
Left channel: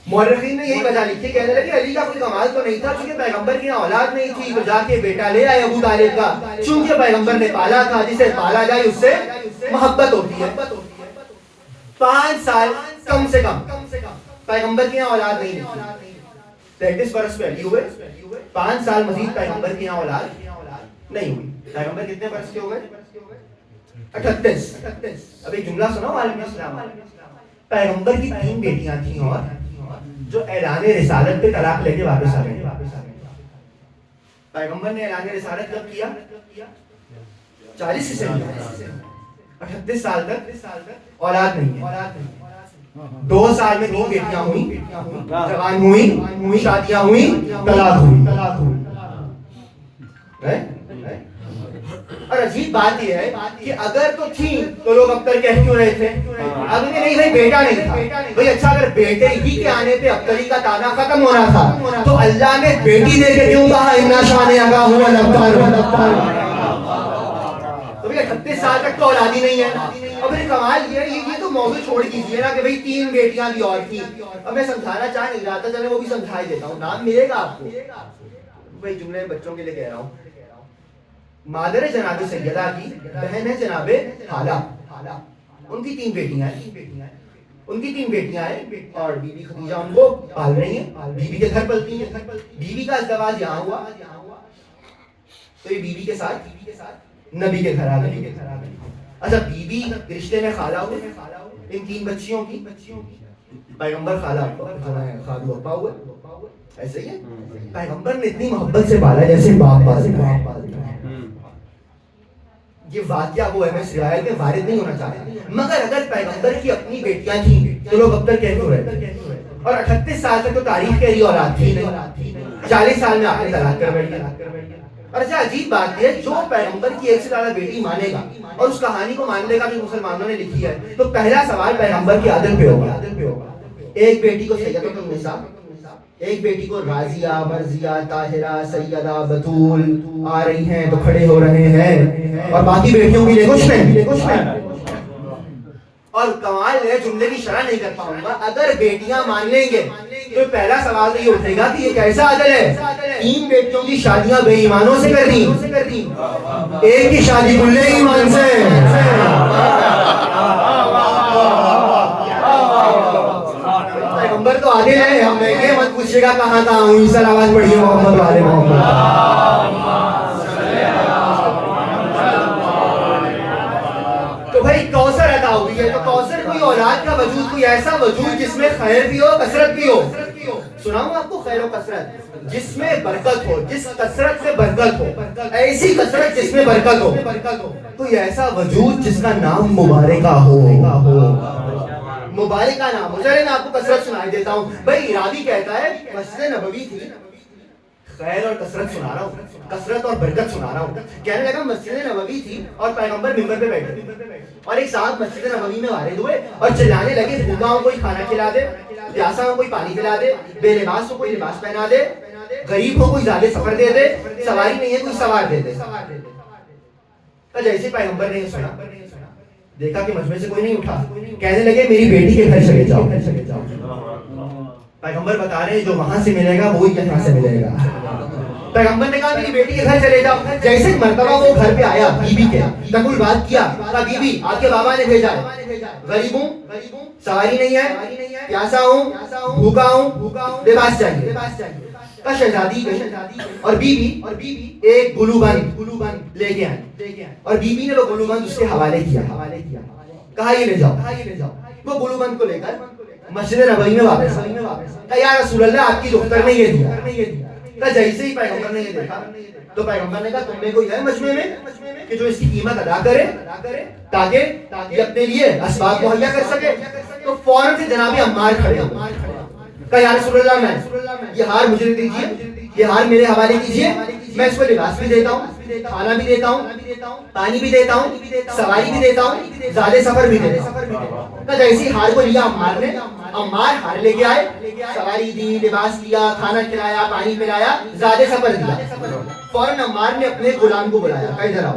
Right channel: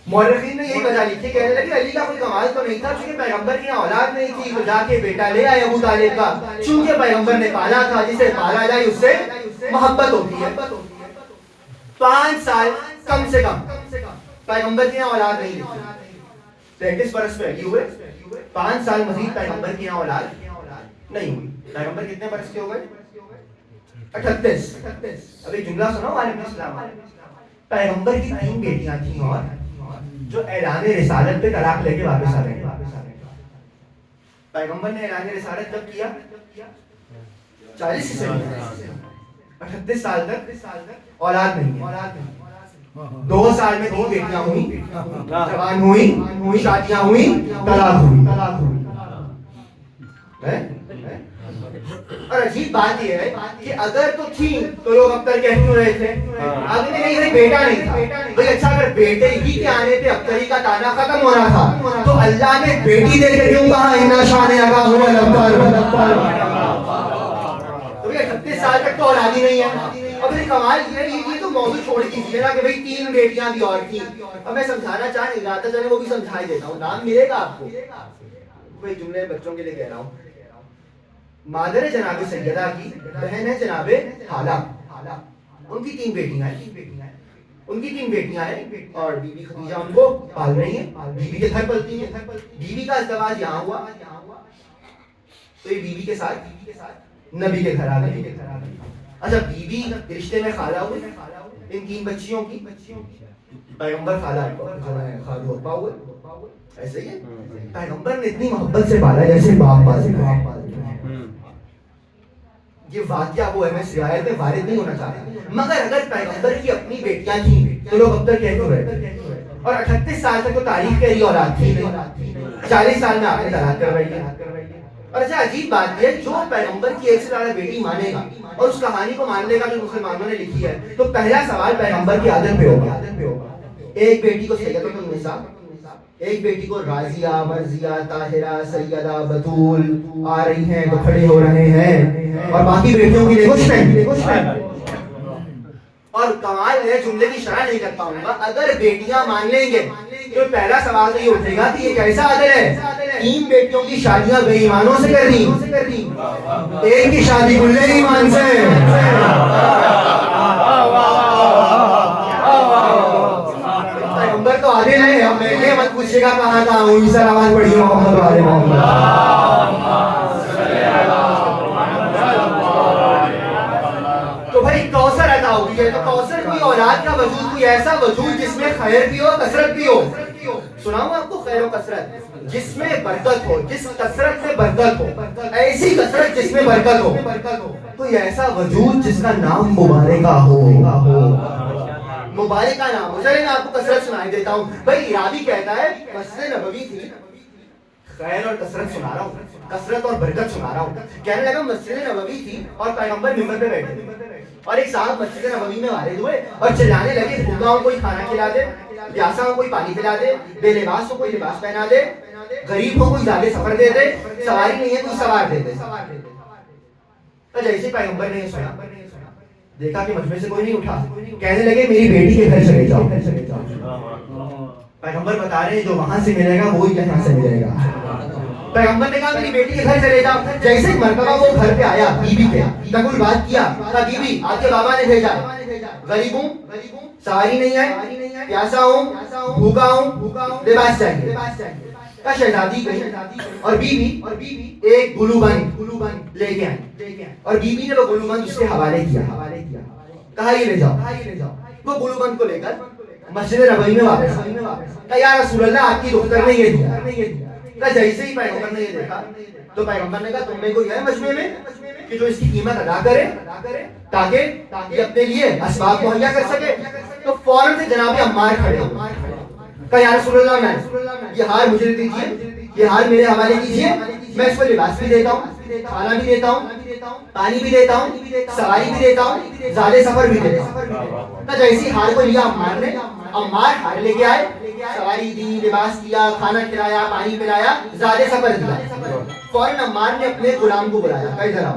مورخین نے یہی وجہ لکھی, کہنے لگے علی کا کوئی کمال تو نہیں تھا, چونکہ پیغمبر کی اولاد نہیں تھی تو جا کے بیٹا لے آئے ابو طالب کا. چونکہ پیغمبر نے پالا تھا, جسے پالا جائے اس سے محبت ہوتی ہے. 5 سال کم سے کم پیغمبر کی اولاد نہیں تھی. 33 برس پہ علی ہوئے, 5 سال مزید پیغمبر کی اولاد نہیں ہوئی. پیغمبر کتنے برس کے ہو گئے؟ 38. اب ایک جملہ سنو علیہ السلام. پیغمبر کی 3 بیٹیاں تھیں اور جو اعلان رسالت پہ طلاق لے کے واپس آ گئے. پیغمبر نے اعلان رسالت جب کیا 40 سے 38 سال تک اولاد نہیں ہے. 2 سال میں 3 بیٹیاں ہوئی, جوان ہوئی, شادیاں ہوئی, طلاق ہوئی. اور عجیب بات یہ ہے کہ اگر تو تھی تو لوگ اب تک کہہ کیوں رہے تھے؟ اگر نہیں بھائی بیٹا نہیں تھا, بھائی اچھا اگر بیٹے ہی کے آنے پہ ابتری کا تانا ختم ہونا تھا تو اللہ نے بیٹی دے کے کیوں کہا انا شان اگا ہوا لگتا. تو 38 سال تک تو اولاد ہی نہیں ہے. اب یہ کمال یہ تو موضوع چھوڑ دیجیے نا کہ بھائی 3 بیٹیاں بھی اور تھی. اب میں سمجھانا چاہ نہیں رہا تھا, چلے وہ بھی سمجھا دیتا ہوں. نام ملے گا آپ کو, بھائی جملے بچوں کے لیے کہہ رہا ہوں. مادر جناب سیدہ کی بہن ہے جناب حالہ, ان کی 3 بیٹیاں ہیں, اور بی بی خدیجہ ان کو پال رہی ہیں, بی بی کے گھر پلتی ہیں. بی بی کا ازدواج یہاں ہوا تو یہ بی بی کے ساتھ نبی کے گھر آ گئی. اچھا بی بی رشتے میں خالہ ہوئے ان 3 بچیوں کی, پیغمبر خالہ خالو ابا ہوئے. ایسے ہی پیغمبر نے اتنی محبت سے پالا جیسے باپ پالتے ہیں. یہ واقعہ وہ ہے, میں روایت میں وارد نہیں ہونا چاہتا, مگر اگر پیغمبر کی اپنی بیٹیاں تھیں تو لوگ اب تک کہہ کیوں رہے تھے؟ اور 38 سال تک تو تاریخ کہہ رہی اولاد تھی نہیں, 40 سال میں آپ نے طلاق کروائی ہے. اور اچھا عجیب بات یہ, جو پیغمبر کی 1 سے زیادہ بیٹی مانے گا اور اس کہانی کو مان لے گا جو مسلمانوں نے لکھی ہے, تو پہلا سوال پیغمبر کی عادت پہ ہوگا. ایک بیٹی کو سیدۃ النساء, ایک بیٹی کو راضیہ, مرضیہ, طاہرہ, سیدہ, بتول آ رہی ہیں تو کھڑے ہو رہے ہیں, اور باقی بیٹیوں کے لیے کچھ نہیں. اور کمال ہے, جملے کی شرح نہیں کر پاؤں گا, اگر بیٹیاں مان لیں گے تو پہلا سوال تو یہ اٹھے گا کہ یہ کیسا عدل ہے, 3 بیٹیوں کی شادیاں بے ایمانوں سے کر دی, ایک کی شادی کلے ایمان سے. پیغمبر تو آگے نہیں ہے, میں مت پوچھے گا کہاں تھا ہوں. سر آواز پڑھیے محمد والے محمد. تو بھائی کوثر عطا ہوئی ہے, تو کوثر کوئی اولاد کا وجود, کوئی ایسا وجود جس میں خیر بھی ہو, کثرت بھی ہو. سناؤں آپ کو خیر و کثرت, جس میں برکت ہو, جس کثرت سے برکت ہو, ایسی کثرت جس میں برکت ہو. کوئی ایسا وجود جس کا نام مبارکہ ہو, مبارکہ نام ہو. چلے میں آپ کو کثرت سنائی دیتا ہوں. بھائی راوی کہتا ہے مسجد نبوی تھی, خیر اور کثرت سنا رہا ہوں, کثرت اور برکت سنا رہا ہوں. کہنے لگا مسجد نبوی تھی اور پیغمبر منبر پہ بیٹھے تھے, اور ایک صاحب مسجد نبوی میں وارد ہوئے اور چلانے لگے, بھوکا ہوں کوئی کھانا کھلا دے, پیاسا ہوں کوئی پانی پلا دے, بے لباس ہو کوئی لباس پہنا دے, غریب ہو کوئی زیادہ سفر دے دے, سواری نہیں ہے کوئی سوار دے دے. جیسے پیغمبر نے سنا, دیکھا کہ مجمع سے کوئی نہیں اٹھا, کہنے لگے میری بیٹی کے گھر چلے جاؤ. پیغمبر بتا رہے ہیں جو وہاں سے ملے گا وہی یہاں سے ملے گا. پیغمبر نے کہا میری بیٹی کے گھر چلے جاؤ. جیسے مرتبہ وہ گھر پہ آیا, بی بی کے تب کوئی بات کیا, کہا بی بی آپ کے بابا نے بھیجا ہے, غریب ہوں, سواری نہیں ہے, پیاسا ہوں, بھوکا ہوں, لباس چاہیے. شہزادی گئی اور بی بی ایک گلو بند لے کے آئی, اور بی بی نے وہ گلو بند اس کے حوالے کیا, کہا یہ لے جاؤ. وہ گلو بند کو لے کر مسجد نبوی میں واپس کہا یا رسول اللہ آپ کی دختر نے یہ دیا. کہا جیسے ہی پیغمبر نے یہ دیکھا تو پیغمبر نے کہا تم میں کوئی ہے مجمع میں کہ جو اس کی قیمت ادا کرے تاکہ یہ اپنے لیے اسباب مہیا کر سکے. تو فوراً سے جناب عمار کھڑے ہوئے. کہا یا رسول اللہ میں یہ ہار مجھے دیجیے, یہ ہار میرے حوالے کیجیے, میں اس کو لباس بھی دیتا ہوں, کھانا بھی دیتا ہوں, پانی بھی دیتا ہوں, سواری بھی دیتا ہوں, زیادہ سفر بھی دیتا ہوں. کہا جیسی ہار کو لیا عمار نے, عمار ہار لے کے آئے, سواری دی, لباس دیا, کھانا کھلایا, پانی پلایا, زیادہ سفر دیا. فوراً عمار نے اپنے غلام کو بلایا, کہا ادھر آؤ.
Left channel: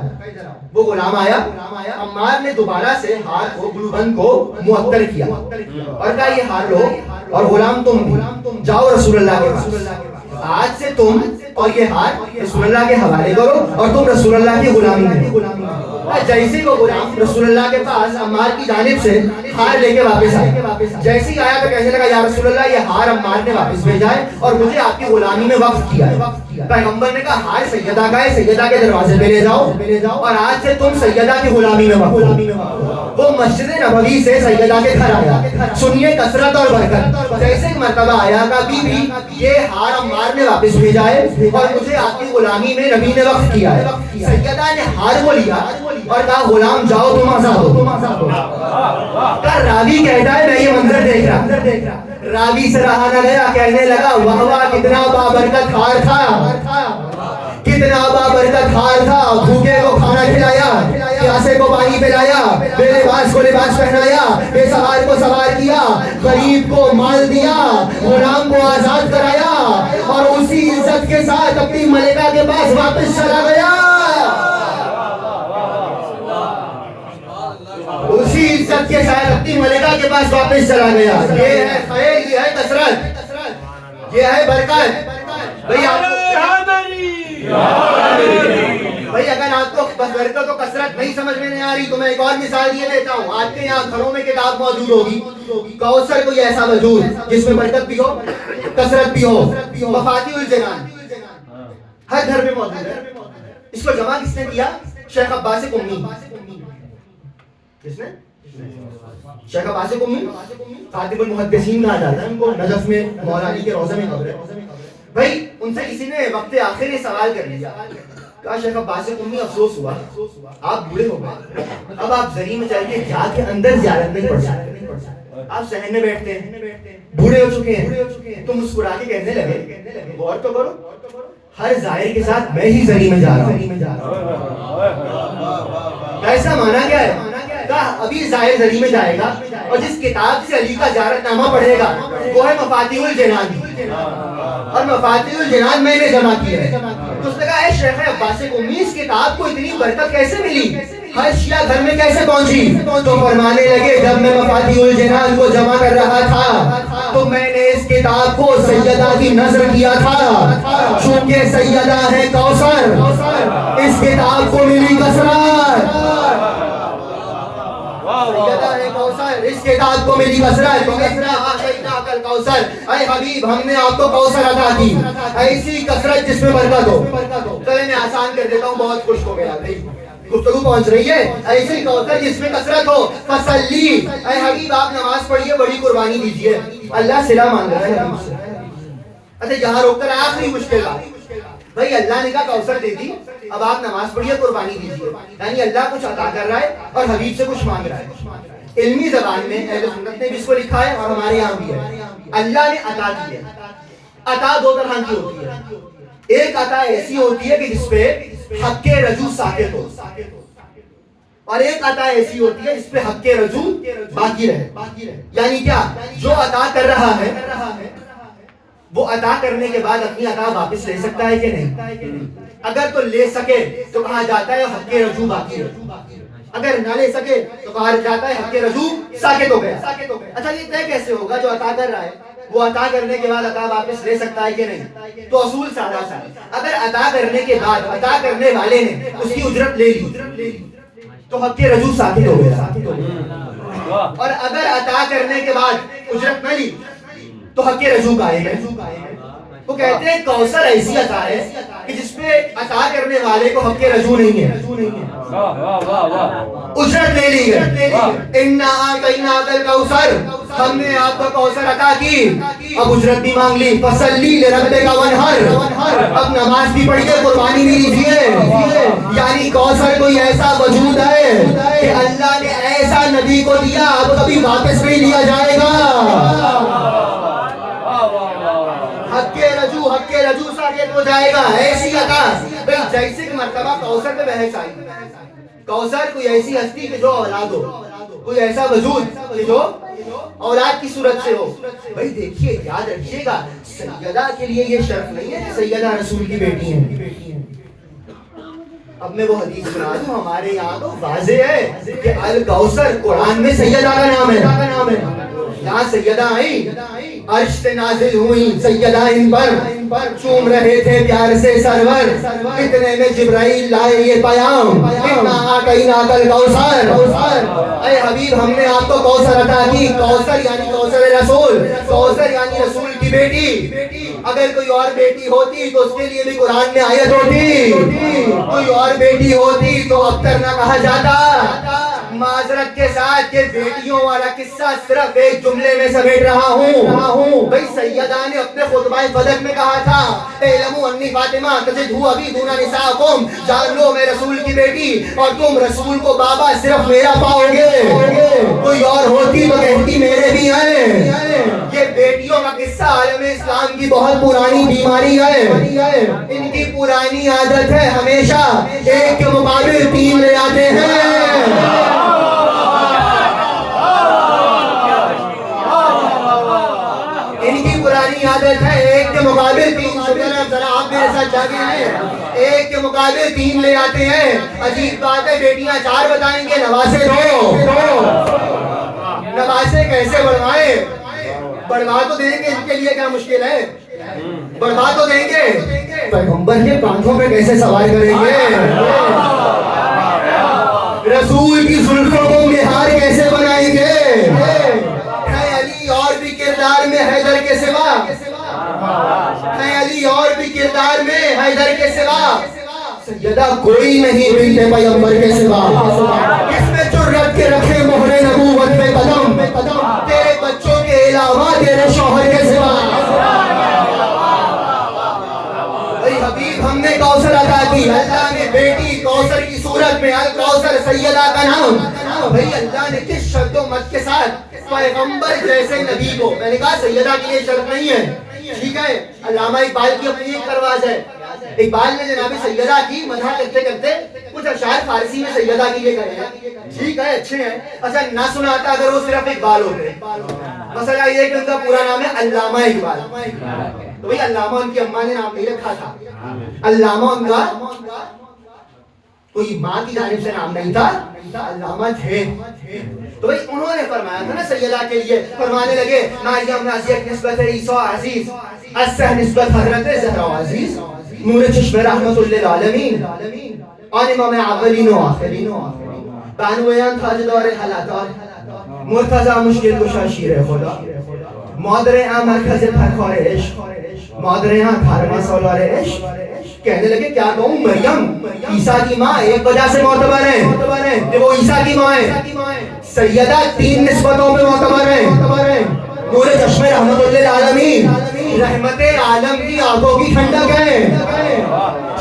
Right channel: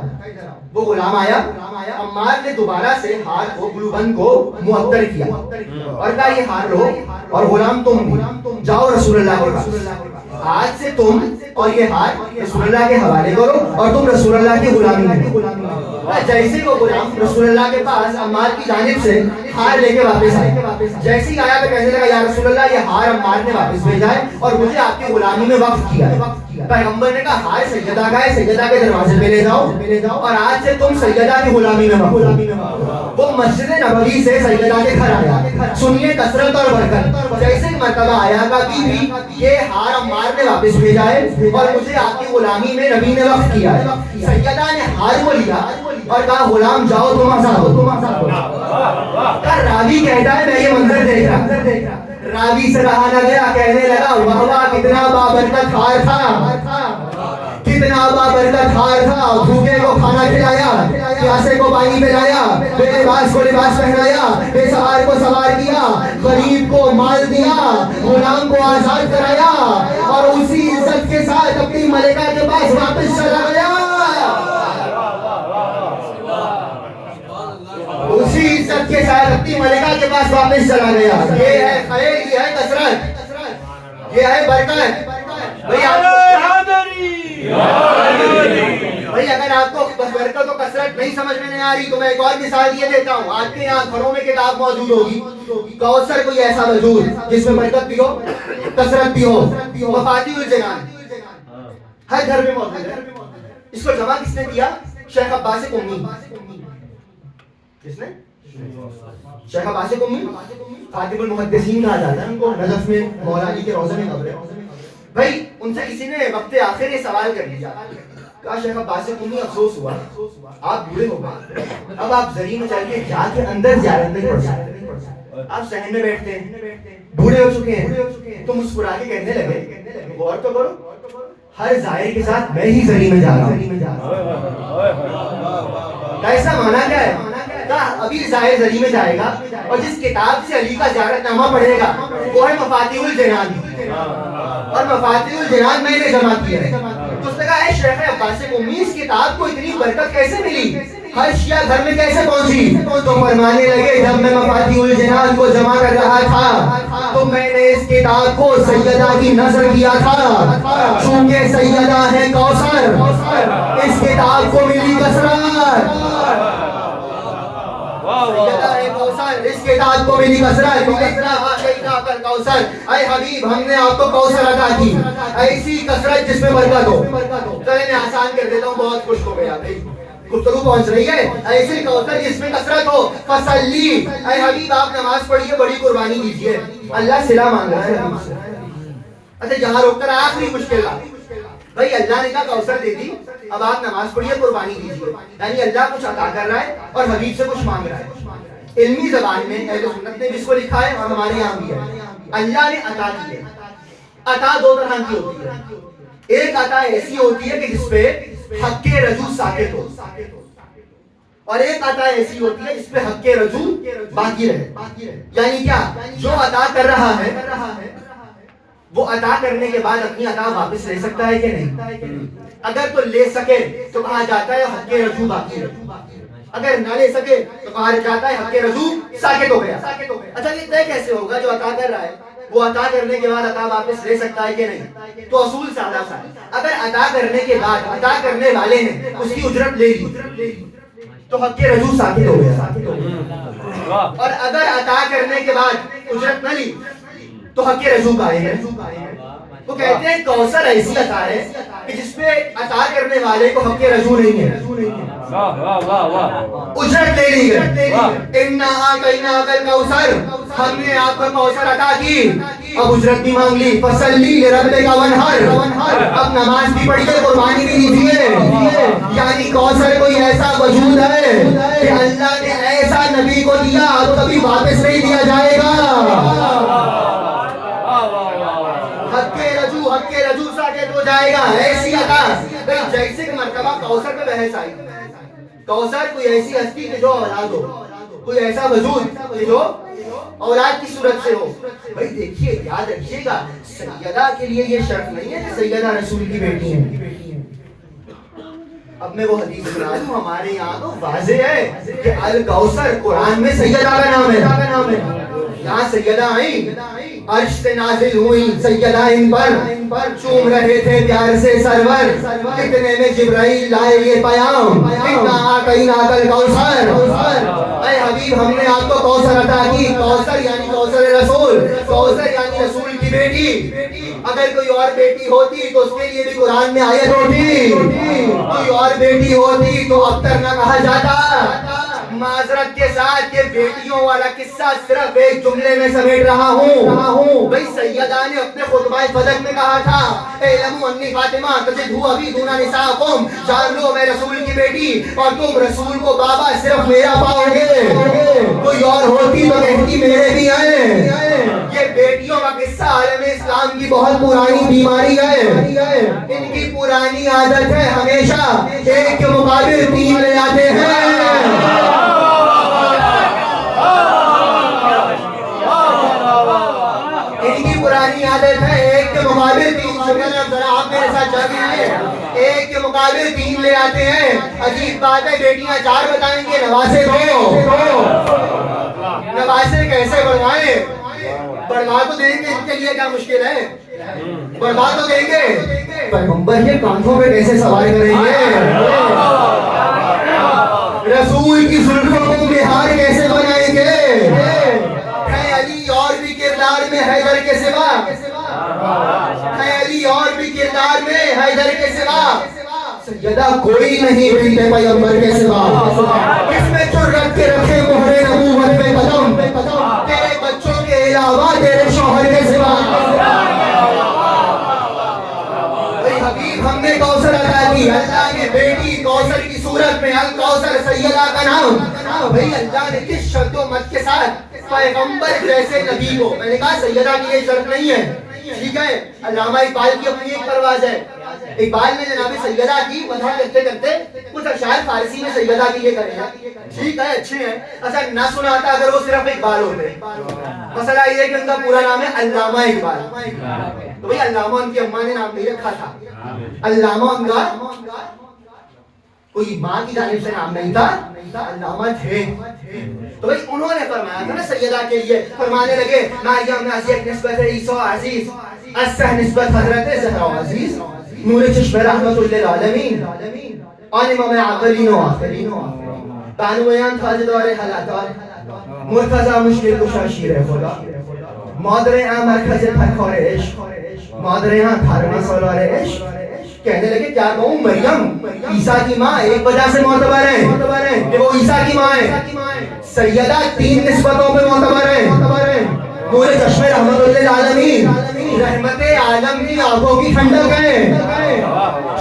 وہ غلام آیا, عمار نے دوبارہ سے ہار کو گلوبند کو معطر کیا اور کہا یہ ہار لو اور غلام تم جاؤ رسول اللہ کے پاس, آج سے تم اور یہ ہار رسول اللہ کے حوالے کرو اور تم رسول اللہ کی غلامی کرو. جیسے وہ غلام رسول اللہ کے پاس عمار کی جانب سے ہار لے کے واپس آئے, جیسے ہی آیا تو کہنے لگا یا رسول اللہ یہ ہار عمار نے واپس بھیجا ہے اور مجھے آپ کی غلامی میں وقف کیا ہے. پیغمبر نے کہا ہار سیدہ کا ہے, سیدہ کے دروازے پہ لے جاؤ اور آج سے تم سیدہ کی غلامی میں وقف. وہ مسجد نبوی سے سیدہ کے گھر آیا. سنیے کثرت اور برکت. جیسے ایک مرتبہ آیا کہ بی بی یہ ہار عمار نے واپس بھیجا ہے اور مجھے آپ کی غلامی میں نبی نے وقف کیا ہے. سیدہ نے ہار کو لیا اور کہا غلام جاؤ تم آزاد ہو. راوی کہتا ہے میں یہ منظر دیکھ رہا, راوی سے رہا نہ گیا, کہنے لگا واہ واہ کتنا بابرکت ہار تھا, کتنا بابرکت ہار تھا. بھوکے کو کھانا کھلایا, پیاسے کو پانی پلایا, بے لباس کو لباس پہنایا, بے سوار کو سوار کیا, غریب کو مال دیا, غلام کو آزاد کرایا اور اسی عزت کے ساتھ اپنی ملکہ کے پاس واپس چلا گیا. اسی عزت کے ساتھ اپنی ملکہ کے پاس واپس چلا گیا. یہ ہے خیر, یہ ہے کثرت, یہ ہے برکت. بھائی اگر آپ کو بس برکت و کثرت نہیں سمجھ میں نہیں آ رہی تو میں ایک اور مثال یہ دیتا ہوں. آپ کے یہاں گھروں میں کتاب موجود ہوگی, کوثر کوئی ایسا موجود جس میں برکت بھی ہو, کثرت بھی ہو. مفاتیح الجنان ہر گھر میں موجود ہے. اس کو جمع کس نے کیا؟ شیخ عباس قمی. کس نے؟ شیخ عباس قمی, خاتم المحدثین کہا جاتا ہے ان کو. نجف میں مولا علی کے روضے میں قبر ہے. بھائی ان سے کسی نے وقت آخر یہ سوال کر لیا, کہا شیخ عباس قمی افسوس ہوا آپ بوڑھے ہو گئے, اب آپ زری میں چاہیے جا کے اندر زیارت نہیں پڑھ سکتے, آپ صحن میں بیٹھتے ہیں, بوڑھے ہو چکے ہیں. تو مسکرا کے کہنے لگے غور تو کرو, ہر زائر کے ساتھ میں ہی زری میں جا رہا ہوں. ایسا مانا کیا ہے؟ کہا ابھی زائر زری میں جائے گا اور جس کتاب سے علی کا زیارت نامہ پڑھے گا وہ ہے مفاتیح الجنان, اور مفاتیح الجنان میں نے جمع کیا ہے. تو اس نے کہا اے شیخ عباس قمی اس کتاب کو اتنی برکت کیسے ملی, ہر شیعہ گھر میں کیسے پہنچی؟ تو فرمانے لگے جب میں مفاتیح الجنان کو جمع کر رہا تھا تو میں نے اس کتاب کو سیدہ کی نظر کیا تھا, چونکہ سیدہ ہے کوثر, اس کتاب کو ملی کثرت. سیدہ ہے کوثر, اس کتاب کو ملی کثرت. اے حبیب ہم نے آپ کو کوثر عطا کی, ایسی کثرت جس میں برکت ہو. چلے میں آسان کر دیتا ہوں, بہت خوش ہو گیا بھائی, گفتگو پہنچ رہی ہے. ایسی کوثر جس میں کثرت ہو. فصلی, اے حبیب آپ نماز پڑھیے, بڑی قربانی دیجیے. اللہ صلہ مانگ رہا ہے حبیب سے. اچھا یہاں روک کر آخری مشکل بات, بھائی اللہ نے کہا کوثر دے دی, اب آپ نماز پڑھیے, قربانی دیجیے. یعنی اللہ کچھ عطا کر رہا ہے اور حبیب سے کچھ مانگ رہا ہے. علمی زبان میں اہل سنت نے بھی اس کو لکھا ہے اور ہمارے یہاں بھی ہے. اللہ نے عطا کی ہے. عطا دو طرح کی ہوتی ہے. ایک عطا ایسی ہوتی ہے کہ جس پہ حق کے رجوع ساکت ہو, اور ایک عطا ایسی ہوتی ہے جس پہ حق کے رجوع باقی رہے. یعنی کیا, جو عطا کر رہا ہے وہ عطا کرنے کے بعد اپنی عطا واپس لے سکتا ہے کہ نہیں؟ اگر تو لے سکے تو کہا جاتا ہے حق کے رجوع باقی رہے, اگر نہ لے سکے تو کہا جاتا ہے حق کے رجوع ساکت ہو گیا. اچھا یہ طے کیسے ہوگا جو عطا کر رہا ہے وہ عطا کرنے کے بعد عطا واپس لے سکتا ہے کہ نہیں؟ تو اصول سادہ سا ہے, اگر عطا کرنے کے بعد عطا کرنے والے نے اس کی اجرت لے لی تو حق کے رجوع ساکت ہو گیا. اور اگر عطا کرنے کے بعد اجرت نہ لی تو حق کے رجوع قائم ہے. وہ کہتے ہیں کوثر ایسی عطا ہے کہ جس پہ عطا کرنے والے کو حق کے رجوع نہیں ہے, اجرت لے لی ہے. اِنَّا أَعْطَيْنَاكَ الْكَوْثَرَ, ہم نے آپ کو کوثر عطا کی، اب اجرت بھی مانگ لی، فصلی لربک وانحر، اب نماز بھی پڑھیے، قربانی بھی لیجیے۔ یعنی کوثر کوئی ایسا وجود ہے کہ اللہ نے ایسا نبی کو دیا اب کبھی واپس نہیں دیا جائے گا۔ حق کے رجوع ساکت ہو جائے گا، ایسی عطا جیسے کہ مرتبہ کوثر پہ بحث آئی۔ کوثر کوئی ایسی ہستی کہ جو اولاد ہو، کوئی ایسا وجود کہ جو اولاد کی صورت سے ہو۔ بھائی دیکھیے، یاد رکھیے گا، سیدہ کے لیے یہ شرط نہیں ہے کہ سیدہ رسول کی بیٹی ہے۔ اب میں وہ حدیث سنا دوں، ہمارے یہاں تو واضح ہے کہ الکوثر قرآن میں سیدہ کا نام ہے۔ یہاں سیدہ آئی، عرش سے نازل ہوئی سیدہ ان پر، چوم رہے تھے پیار سے سرور، اتنے میں جبرائیل لائے یہ پیام، انا اعطیناک الکوثر۔ اے حبیب، ہم نے آپ کو کوثر عطا کی۔ کوثر یعنی کوثر رسول، کوثر یعنی رسول کی بیٹی۔ اگر کوئی اور بیٹی ہوتی تو اس کے لیے بھی قرآن میں آیت ہوتی، کوئی اور بیٹی ہوتی تو ابتر نہ کہا جاتا۔ معذرت کے ساتھ یہ بیٹیوں والا قصہ صرف ایک جملے میں سمیٹ رہا ہوں۔ بھئی سیدہ نے اپنے خطبہ فدق میں کہا تھا، اعلموا انی فاطمہ تجدہ ابی دون نساءکم، جان لو میں رسول کی بیٹی اور تم رسول کو بابا صرف میرا پاؤ گے۔ کوئی اور ہوتی تو کہتی میرے بھی ہیں۔ یہ بیٹیوں کا قصہ عالم اسلام کی بہت پرانی بیماری ہے۔ ان کی پرانی عادت ہے ہمیشہ ایک کے مقابل تین لے آتے ہیں۔ ان کی پرانی عادت ہے ایک کے مقابل تین، ذرا آپ میرے ساتھ جاگے ہیں، ایک کے مقابل تین لے آتے ہیں۔ عجیب بات ہے، بیٹیاں چار بتائیں گے، نواسے دو۔ نواسے کیسے بڑھوائیں؟ بڑھوا تو دیں گے، ان کے لیے کیا مشکل ہے، بڑھوا تو دیں گے، پیغمبر کے کانٹھوں پہ کیسے سوار کریں گے؟ رسول کی زلفوں کو بہار کیسے بنائیں گے؟ ہے علی اور بھی کردار میں حیدر کے سوا، ہے علی اور بھی کردار میں حیدر کے سوا، سیدہ کوئی نہیں بنت پیغمبر کے سوا۔ کس میں جرأت کے رکھے مہر نبوت پہ قدم، تیرے بچوں کے علاوہ تیرے شوہر کے سوا۔ اے حبیب، ہم نے کوثر عطا کی، اللہ نے بیٹی کوثر کی صورت میں الکوثر سیدہ کا نام۔ بھئی اللہ نے کس شرط و مت کے ساتھ پیغمبر جیسے نبی کو، میں نے کہا سیدہ کی یہ شرط نہیں ہے، ٹھیک ہے، علامہ اقبال کی اپنی ایک پرواز ہے۔ اقبال نے جناب سیدہ کی مدح کرتے کرتے کچھ اشعار فارسی میں سیدہ کی یہ کرے ہیں، ٹھیک ہے، اچھے ہیں، اچھا نہ سنا آتا اگر وہ صرف اقبال ہوتے۔ مسئلہ یہ کہ ان کا پورا نام ہے علامہ اقبال، تو بھئی علامہ ان کی اماں نے نام نہیں رکھا تھا، علامہ ان کا کوئی ماں کی جانب سے نام نہیں تھا، علامہ تھے۔ تو بھئی انہوں نے فرمایا تھا نا سیدہ کے لیے، فرمانے لگے مریم نازیہ نسبت عیسیٰ عزیز، اسہ نسبت حضرت زہرا عزیز، نور چشم رحمت للعالمین، آن امام اولین و آخرین، بانویان تاجدار حالات، مرتضی مشکل کشا شیر خدا، مادر اہم مرکز پرخور عشق، مادر اہم 18 سالار عشق۔ کہنے لگے کیا کہوں، مریم عیسیٰ کی ماں ایک وجہ سے معتبر ہے کہ وہ عیسیٰ کی ماں ہے، سیدہ تین نسبتوں پہ معتبر ہے، نور چشم رحمت للعالمین، رحمت عالم کی آنکھوں کی ٹھنڈک ہے۔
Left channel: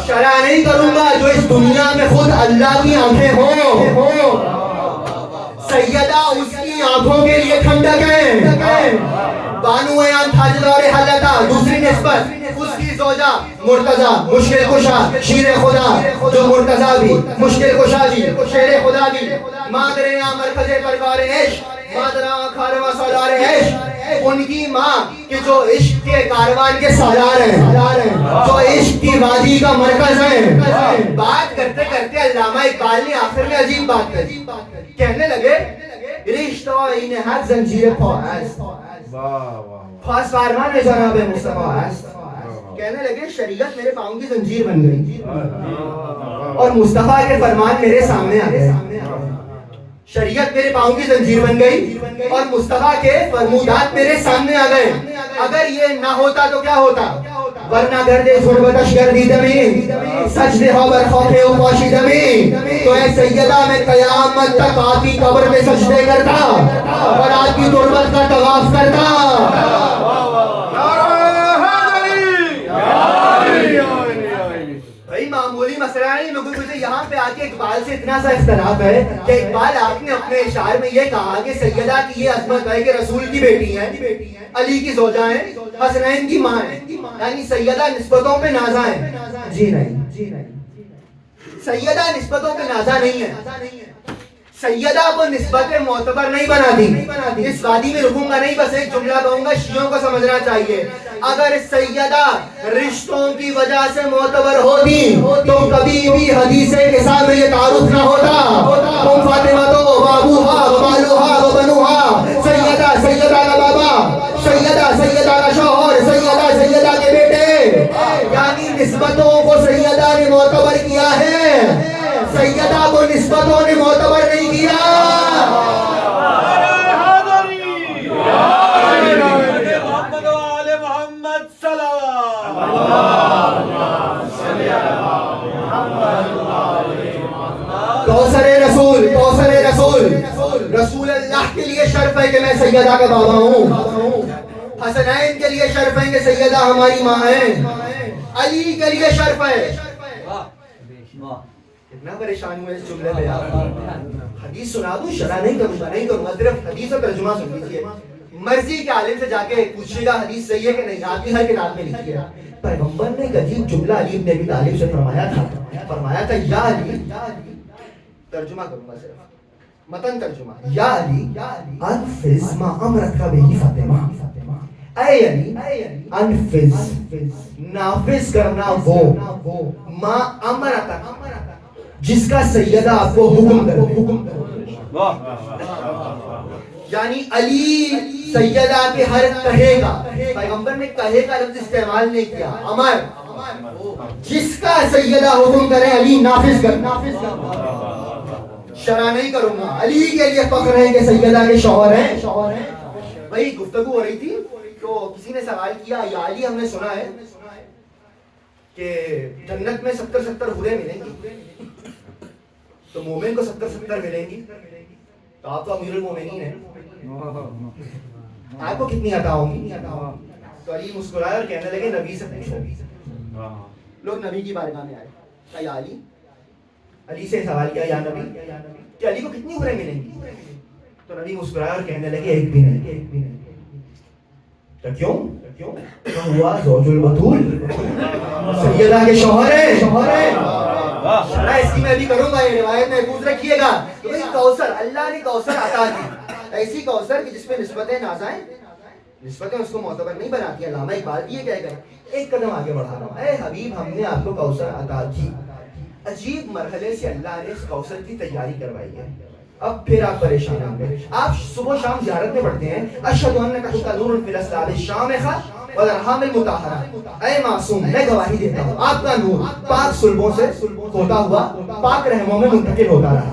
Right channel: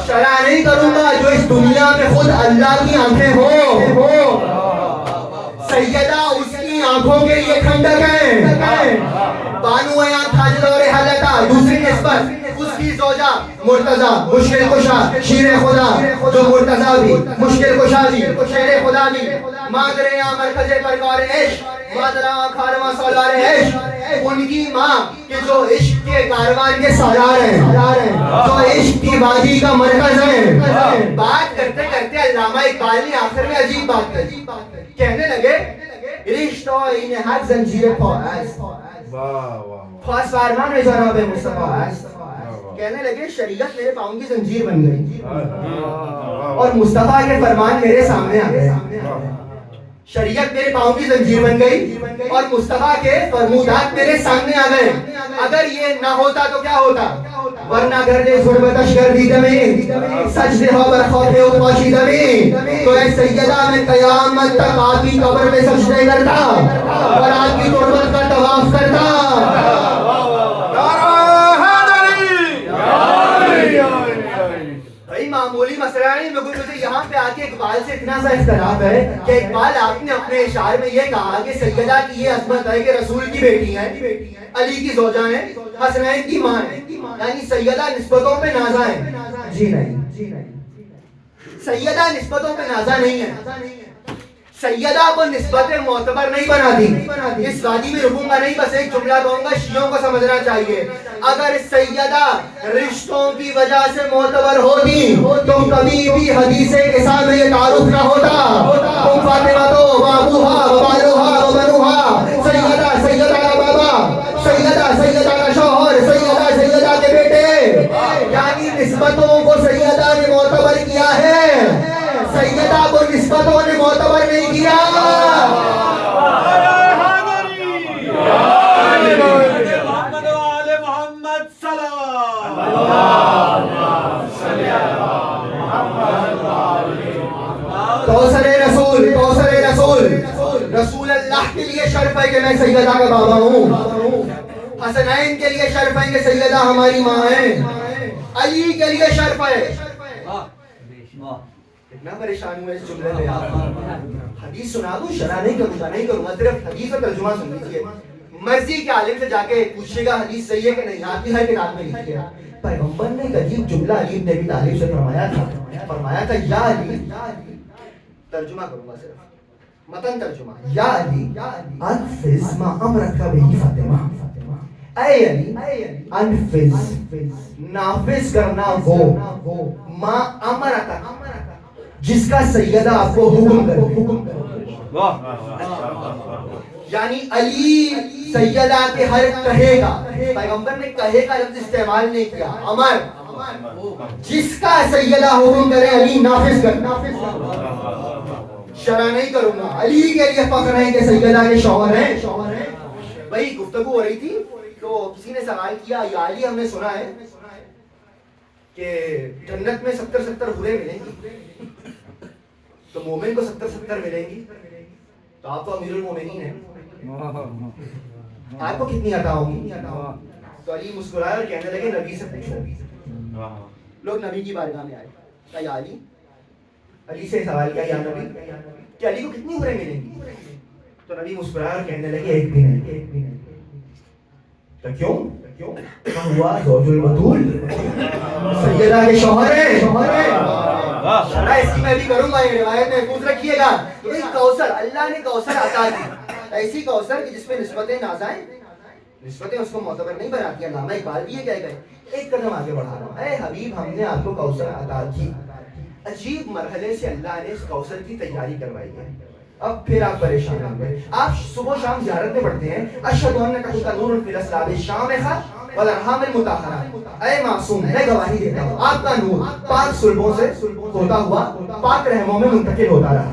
شرع نہیں کروں گا جو اس دنیا میں خود اللہ کی آنکھیں ہوں، سیدہ اس کی آنکھوں کے لیے ٹھنڈک ہے۔ بانو ایان تاجدار حلتا، دوسری نسبت اس کی زوجہ مرتضی مشکل کشا شیر خدا، جو مرتضی بھی مشکل کشا بھی شیر خدا بھی، مادر اہم مرکز پرکار عشق، مادر اہم 18 سالار عشق، ان کی ماں کہ جو عشق کے کاروان کے سالار ہیں، جو عشق کی وادی کا مرکز ہیں۔ بات کرتے کرتے علامہ اقبال نے آخر میں عجیب بات کہی، کہنے لگے رشتہ این حد زنجیر پاست، خاص فرمان ہے جناب مصطفیٰ است۔ کہنے لگے شریعت میرے پاؤں کی زنجیر بن گئی اور مصطفیٰ کے فرمان میرے سامنے آ گئے۔ شریعت میرے پاؤں کی زنجیر بن گئی اور مصطفیٰ کے فرمودات میرے سامنے آ گئے۔ اگر یہ نہ ہوتا تو کیا ہوتا؟ ورنہ گھر دے ظلمتش گردی دمی، سجدے ہو بر خوف و پاشی دمی، تو اے سیدہ میں قیامت تک آپ کی قبر میں سجدے کرتا اور آپ کی تربت کا طواف کرتا. بھائی معمولی مسئلہ نہیں, مجھے یہاں پہ آ کے اقبال سے اتنا سا اختلاف ہے کہ اقبال آپ نے اپنے اشعار میں یہ کہا کہ سیدہ کی یہ عظمت ہے کہ رسول کی بیٹی ہیں, علی کی زوجہ ہیں, حسنین کی ماں ہیں, یعنی سیدہ نسبتوں پہ نازا ہیں. جی نہیں, سیدہ نسبتوں پہ نازا نہیں ہے. سیدہ کو نسبت معتبر نہیں بناتی. اس وادی میں رکوں گا نہیں, بس ایک جملہ کہوں گا, شیعوں کو سمجھنا چاہیے. اگر سیدہ رشتوں کی وجہ سے معتبر ہوتی تو کبھی بھی حدیث نساء میں یہ تعارف نہ ہوتا. ام فاطمہ تو ابوہا و بالوہا و بنوہا, سیدہ کا بابا, سیدہ کا شوہر, سیدہ کے بیٹے, یعنی نسبتوں کو سیدہ نے معتبر کیا ہے, سیدہ کو نسبتوں نے معتبر نہیں کیا. رسول اللہ کے لیے شرف ہے کہ میں سیدہ کا بابا ہوں, حسنین کے لیے شرف ہے کہ سیدہ ہماری ماں ہے, علی کے لیے شرف ہے. اتنا پریشان ہوئے اس جملے میں. حدیث سنا دوں, شرح نہیں کروں گا, صرف حدیث اور ترجمہ سن لیجیے. مرضی کے عالم سے جا کے پوچھیے گا حدیث صحیح ہے کہ نہیں, آپ کی ہر کتاب میں لکھیے گا. پیغمبر نے ایک عجیب جملہ علی بن ابی طالب سے فرمایا تھا, یا علی, ترجمہ کروں گا صرف, متن ترجمہ, یا علی انفذ ما امرک بہ فاطمہ, اے علی انفذ, نافذ کرنا وہ, ما امرک, جس کا سیدہ آپ کو حکم کرے. یعنی علی سیدہ کے ہر کہے گا, پیغمبر نے کہے کا لفظ استعمال نہیں کیا, امر, جس کا سیدہ حکم کرے علی نافذ کرنا. شرح نہیں کروں گا, علی کے لیے فخر ہے کہ سیدہ کے شوہر ہیں. وہی گفتگو ہو رہی تھی تو کسی نے سوال کیا, یا علی ہم نے سنا ہے کہ جنت میں 70 حوریں ملیں گی, تو مومن کو 70 ملیں گی, تو آپ تو امیر المومنین ہیں, آپ کو کتنی عطا ہوں گی؟ تو علی مسکرائے اور کہنے لگے نبی سے پوچھو. لوگ نبی کی بارگاہ میں آئے, کہا یا علی, علی سے سوال کیا یا نبی کہ علی کو کتنی حوریں ملیں گی؟ تو نبی مسکرائے اور کہنے لگے ایک بھی نہیں. تو کیوں ہوا زوج البتول, سیدہ کے شوہر ہے. شرح اس کی میں بھی کروں گا, یہ روایت محفوظ رکھیے گا. تو بھئی کوثر, اللہ نے کوثر عطا دی, ایسی کوثر کہ جس پہ نسبتیں نازائیں, نسبتیں اس کو معتبر نہیں بناتی. علامہ اقبال بھی یہ کہہ گئے. ایک قدم آگے بڑھا رہا ہوں, اے حبیب ہم نے آپ کو کوثر عطا کی. عجیب مرحلے سے اللہ نے اس کوثر کی تیاری کروائی ہے. اب پھر آپ پریشان ہوں گے. آپ صبح شام زیارت میں پڑھتے ہیں, اشہد انک انت نور فی الاسرار الشامخہ والارحام المطہرہ, اے معصوم میں گواہی دیتا ہوں آپ کا نور پاک صلبوں سے ہوتا ہوا پاک رحموں میں منتقل ہوتا رہا.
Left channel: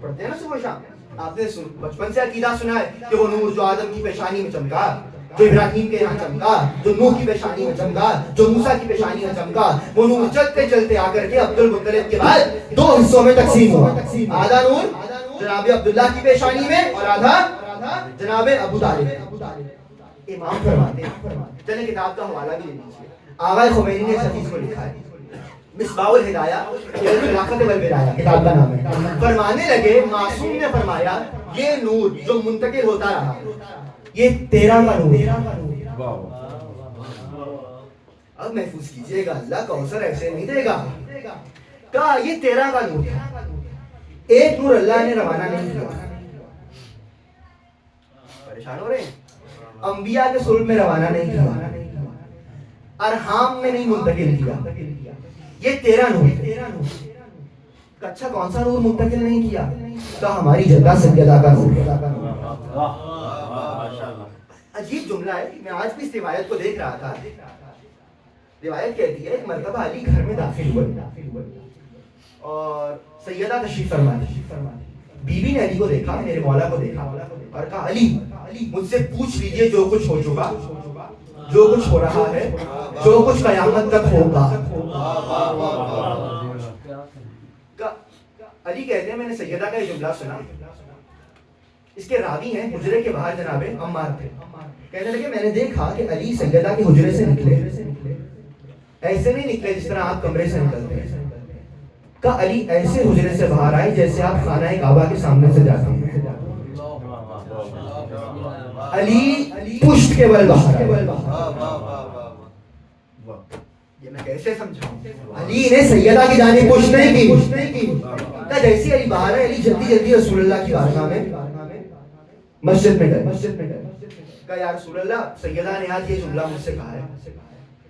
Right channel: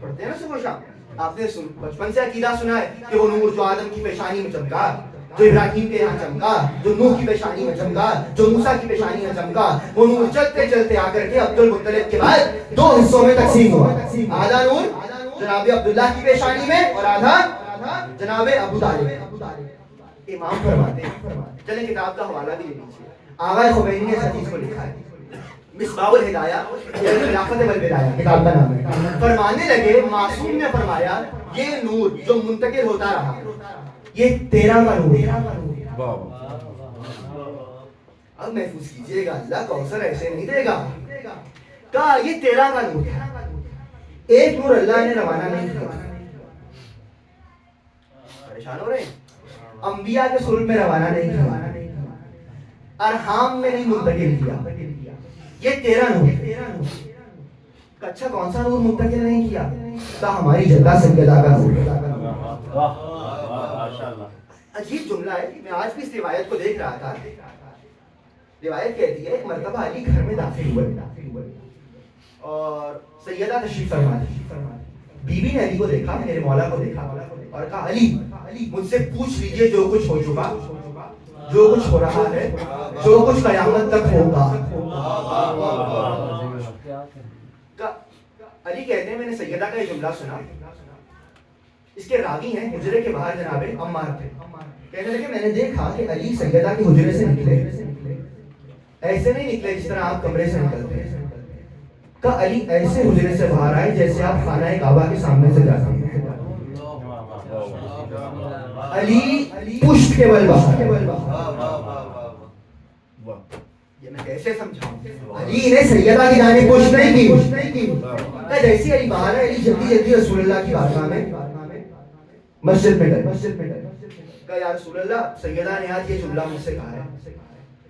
پڑھتے ہیں نا صبح شام. آپ نے بچپن سے عقیدہ سنا ہے کہ وہ نور جو آدم کی پیشانی میں چمکا, جو ابراہیم کے یہاں چمکا, جو نوح کی پیشانی میں چمکا, جو موسیٰ کی پیشانی میں چمکا, وہ نور چلتے چلتے آ کر کے عبد المطلب کے بعد 2 حصوں میں تقسیم ہوا. آدھا نور جناب عبداللہ کی پیشانی میں اور آدھا جناب ابو طالب. امام فرماتے ہیں, چلیں کتاب کا حوالہ بھی لے لیجیے. آغا خمینی نے اس حدیث کو لکھا ہے, مصباح الہدایہ فی الخلافۃ والولایہ کتاب کا نام ہے. فرمانے لگے, معصوم نے فرمایا یہ نور جو منتقل ہوتا رہا یہ 13 کا نور ہے. اب محفوظ کیجئے گا, اللہ کوثر ایسے نہیں دے گا. کہا یہ 13 کا نور ہے, ایک نور اللہ نے روانہ نہیں کیا. پریشان ہو رہے ہیں, انبیاء کے صلب میں روانہ نہیں کیا, ارحام میں نہیں منتقل کیا. یہ 13 نور ہے. اچھا کون سا نور منتقل نہیں کیا؟ تو ہماری جدہ سیدہ کا نور. عجیب جملہ ہے. میں آج بھی اس روایت کو دیکھ رہا تھا. روایت کہتی ہے ایک مرتبہ علی گھر میں داخل ہوئے اور سیدہ تشریف فرما دی. بیوی نے علی کو دیکھا, میرے مولا کو دیکھا اور کہا علی مجھ سے پوچھ لیجئے جو کچھ ہو چکا, جو کچھ ہو رہا ہے, جو کچھ قیامت تک ہوگا. علی کہتے ہیں میں نے سیدہ کا یہ جملہ سنا. اس کے راوی ہیں حجرے کے باہر جناب عمار تھے. کہنے لگے میں نے دیکھا کہ علی سیدہ کے حجرے سے نکلے, ایسے نہیں نکلے جس طرح آپ کمرے سے نکلتے ہیں. کہا علی ایسے حجرے سے باہر آئے جیسے آپ خانہ کعبہ کے سامنے سے جاتے ہیں. علی پشت کے بل باہر آئے. یہ میں کیسے سمجھاؤں؟ علی نے سیدہ کی جانب پشت نہیں کی. جیسی علی باہر ہے, علی جلدی جلدی رسول اللہ کی بارگاہ میں مسجد میں گئے. کہا یا رسول اللہ سیدہ نے آج یہ جملہ مجھ سے کہا ہے.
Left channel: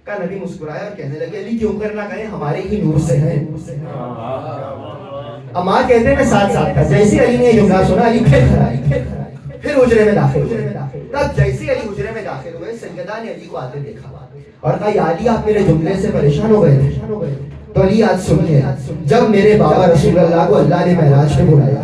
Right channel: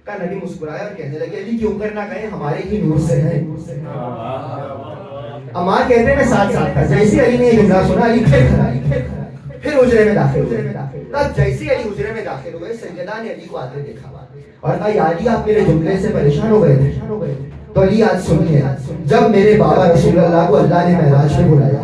کہا نبی مسکرایا اور کہنے لگے علی کیوں کرنا کہیں, ہمارے ہی نور سے ہیں. عمار کہتے ہیں میں ساتھ ساتھ تھا. جیسی علی نے یہ جملہ سنا علی پھر حجرے میں داخل ہوئے. تب جیسی علی حجرے میں داخل ہوئے سیدہ نے علی کو آتے دیکھا اور کہا یا علی آپ میرے جملے سے پریشان ہو گئے تھے. تو علی آج سنیے, جب میرے بابا رسول اللہ کو اللہ نے معراج میں بلایا,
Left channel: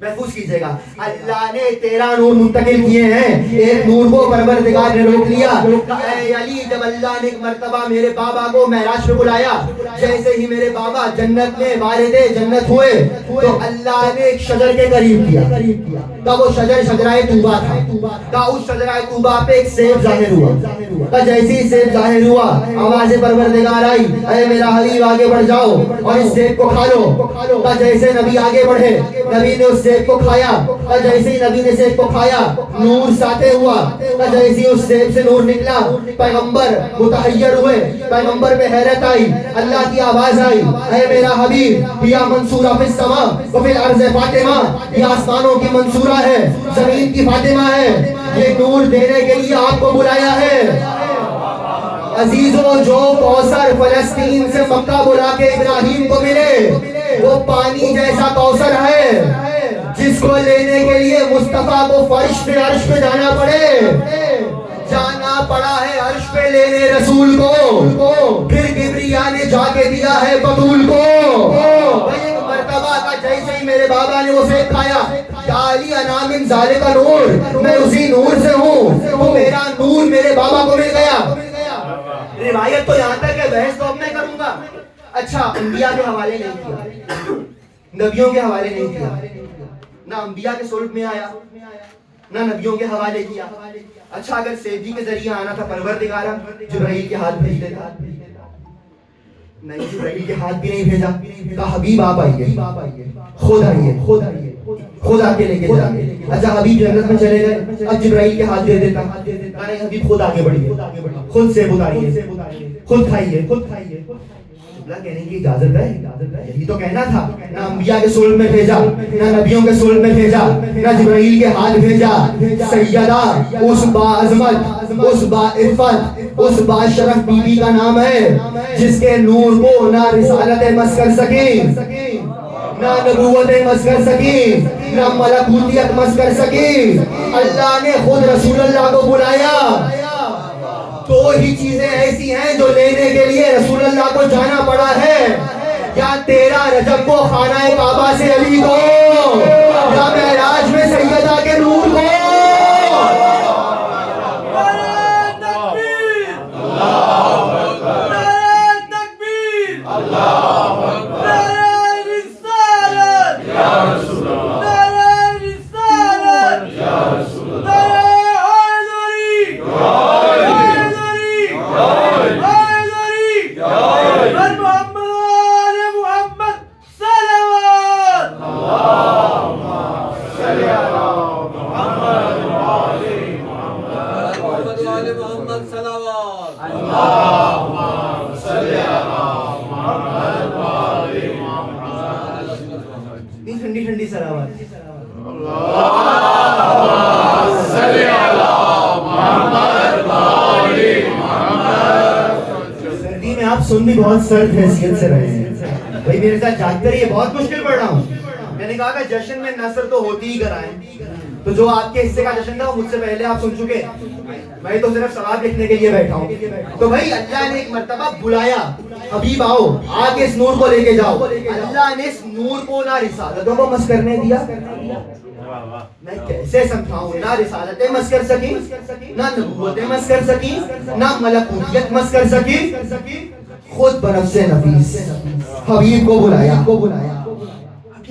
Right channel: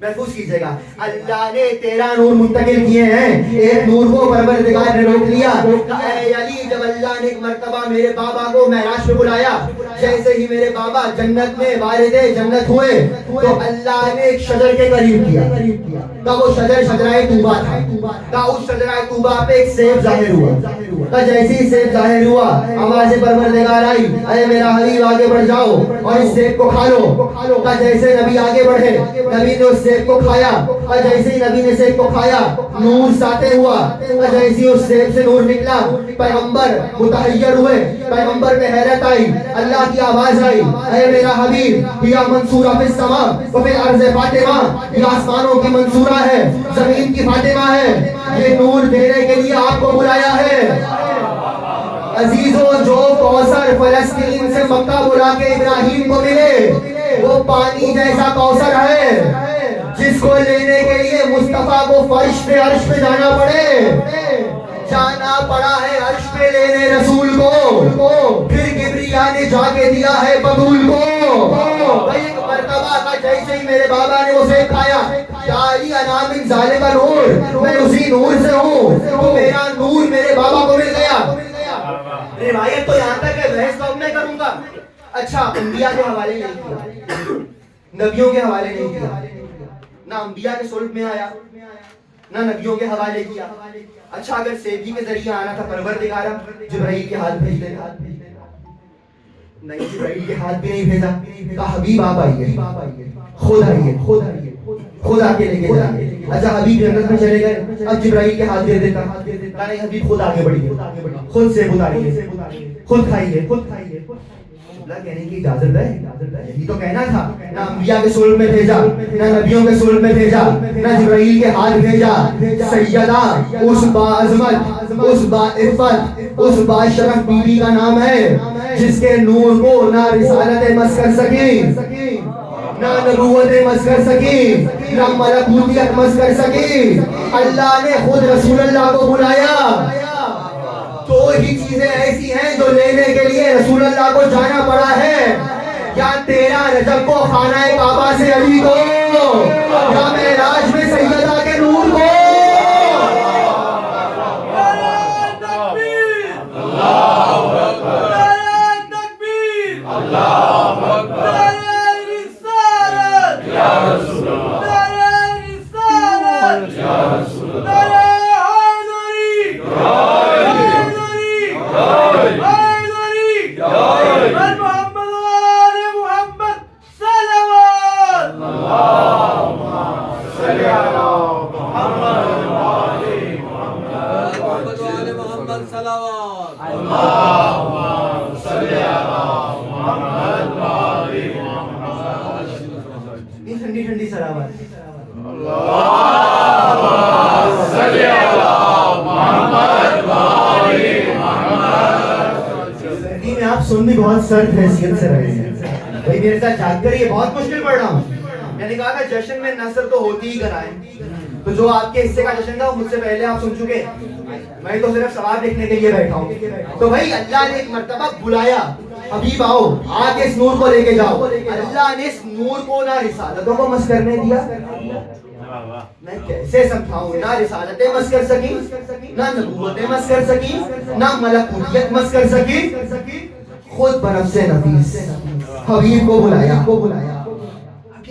محفوظ کیجئے گا, اللہ نے 13 نور منتقل کیے ہیں, ایک نور کو پروردگار نے روک لیا. اے علی جب اللہ نے ایک مرتبہ میرے بابا کو معراج میں بلایا, جیسے ہی میرے بابا جنت میں وارد جنت ہوئے تو اللہ نے ایک شجر کے قریب کیا. کا وہ شجر شجرائے طوبہ تھا. کا اس شجرائے طوبہ پہ ایک سیب ظاہر ہوا. کا جیسے ہی سیب ظاہر ہوا آواز پروردگار آئی, اے میرا حبیب آگے بڑھ جاؤ اور اس سیب کو کھا لو. کا جیسے نبی آگے بڑھے, نبی نے اس سیب کو کھایا. اور جیسے ہی نبی نے سیب کو کھایا نور ساطع ہوا. اور جیسے ہی اس سیب سے نور نکلا پیغمبر متحیر ہوئے, پیغمبر میں حیرت آئی. اللہ کی آواز آئی, اے میرا حبیب یا منصورہ فی السماء وفی الارض فاطمہ, یہ آسمانوں کی منصورہ ہے, زمین کی فاطمہ ہے, یہ نور دینے کے لیے آپ کو بلایا ہے. عزیزوں جو کوثر فلسطین سے مکہ بلا کے ابراہیم کو ملے وہ پانی جیسا کوثر ہے جس کو لینے کے لیے مصطفیٰ کو فرش پہ عرش پہ جانا پڑے. جانا پڑا ہے عرش پہ لینے رسول کو, پھر کبریا نے جا کے دیا ہے بطول کو. ایک مرتبہ کا جیسے ہی میرے بابا نے اسے کھایا, یا علی انا من ذالک نور, میں اسی نور سے ہوں, تو میرا نور میرے بابا کو مل گیا. روایت تو یہاں تک ہے, بحث تو اب میں کروں گا. اچھا انبیاء کے حوالے نہیں کیا, نبیوں کے حوالے نہیں کیا, نہ انبیاء کے صلب میں آیا نہ نبیوں کے حوالے کیا. اچھا اگر سیدھی کے ذریعے آنا تھا پروردگار جبرائیل کے ہاتھ بھیج دیتا, نہیں جبرائیل کے ہاتھ بھی نہیں بھیجا. کہا حبیب آپ آئیے, خود آئیے, خود آ کے لے کے جائیے. اچھا حبیب جنت میں چلے گئے, اب جبرائیل کے ہاتھ بھیج دیتا. کہا نہیں حبیب خود آگے بڑھیے, خود سے اتاریے, خود کھائیے. کہنے کی اجازت ہے, یہی تو کہنا تھا. نہ انبیاء کے صلب میں بھیجا, نہ نبیوں کے صلب میں بھیجا, نہ جبرائیل کے ہاتھ بھیجا. سیدہ اس با عظمت, اس با عفت, اس با شرف بی بی کا نام ہے جس کے نور کو نہ رسالتیں مس کر سکیں, نہ نبوتیں مس کر سکیں, نہ ملکوتیت مس کر سکیں. اللہ نے خود رسول اللہ کو بلایا. دو ہی چیزیں ایسی ہیں جو لینے کے لیے رسول اللہ کو جانا پڑا ہے, یا 13 رجب کو خانہ کعبہ سے علی کو, یا معراج میں سیدہ کے نور کو. ٹھنڈی ٹھنڈی سلامت. سردی میں آپ سن بھی بہت سرد حیثیت سے رہے ہیں بھائی, میرے ساتھ جاگ کر یہ بہت مشکل پڑ رہا ہوں. میں نے کہا کہ جشن میں نثر تو ہوتی ہی کرائیں, تو جو آپ کے حصے کا جشن تھا وہ مجھ سے پہلے آپ سن چکے, میں تو صرف ثواب لکھنے کے لیے بیٹھا ہوں. تو بھائی اللہ نے ایک مرتبہ بلایا, حبیب آؤ آ کے اس نور کو لے کے جاؤ. اللہ نے اس نور کو نہ رسالتوں کو مس کرنے دیا. میں کیسے سمجھاؤں, نہ رسالتیں مس کر سکی, نہ نبوتیں مس کر سکی, نہ ملکوتیت مس کر سکی. خود بنفس نفیس حبیب کو بلایا.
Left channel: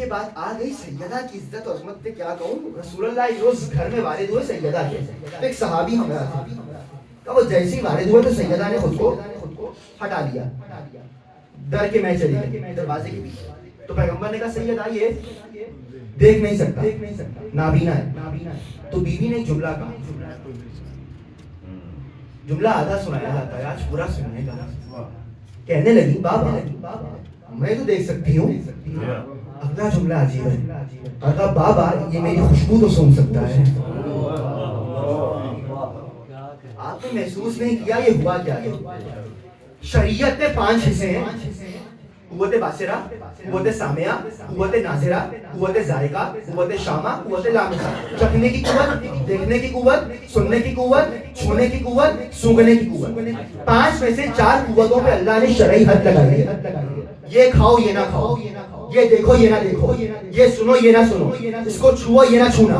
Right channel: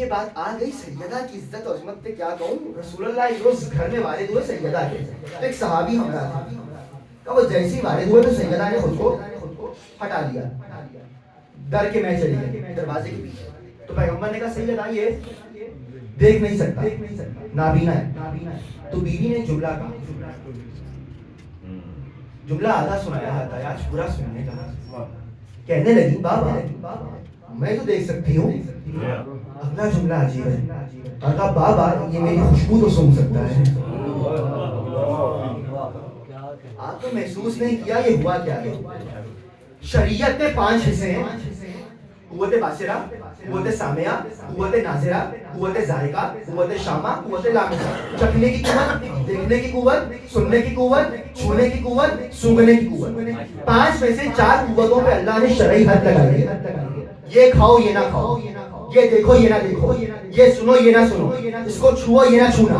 بات آ گئی سیدہ کی عزت اور عظمت پہ کیا کہوں. رسول اللہ ایک روز گھر میں والد ہوئے سیدہ کے, تو ایک صحابی ہمارا تھا, کہ وہ جیسے ہی والد ہوئے تو سیدہ نے خود کو ہٹا دیا, ڈر کے میں چلی گئی دروازے کے پیچھے. تو پیغمبر نے کہا سیدہ یہ دیکھ نہیں سکتا, نابینا ہے. تو بیوی نے ایک جملہ کہا, جملہ آدھا سنایا جاتا ہے, آج پورا سننے کا. کہنے لگی بابا میں تو دیکھ سکتی ہوں, اپنا جملہ عجیب ہے. کہا بابا یہ میری خوشبو تو سن سکتا ہے. آپ نے محسوس نہیں کیا یہ ہوا کیا ہے. شریعت میں 5 حصے ہیں, قوت باصرہ, قوت سامعہ, قوت ناظرہ, قوت ذائقہ, قوت شامہ, قوت لامسہ. چکھنے کی قوت, دیکھنے کی قوت, سننے کی قوت, چھونے کی قوت, سونگھنے کی قوت. 5 میں سے 4 قوتوں پہ اللہ نے شرعی حد لگائی ہے. یہ کھاؤ یہ نہ کھاؤ, یہ دیکھو یہ نہ دیکھو, یہ سنو یہ نہ سنو, اس کو چھوؤ یہ نہ چھونا.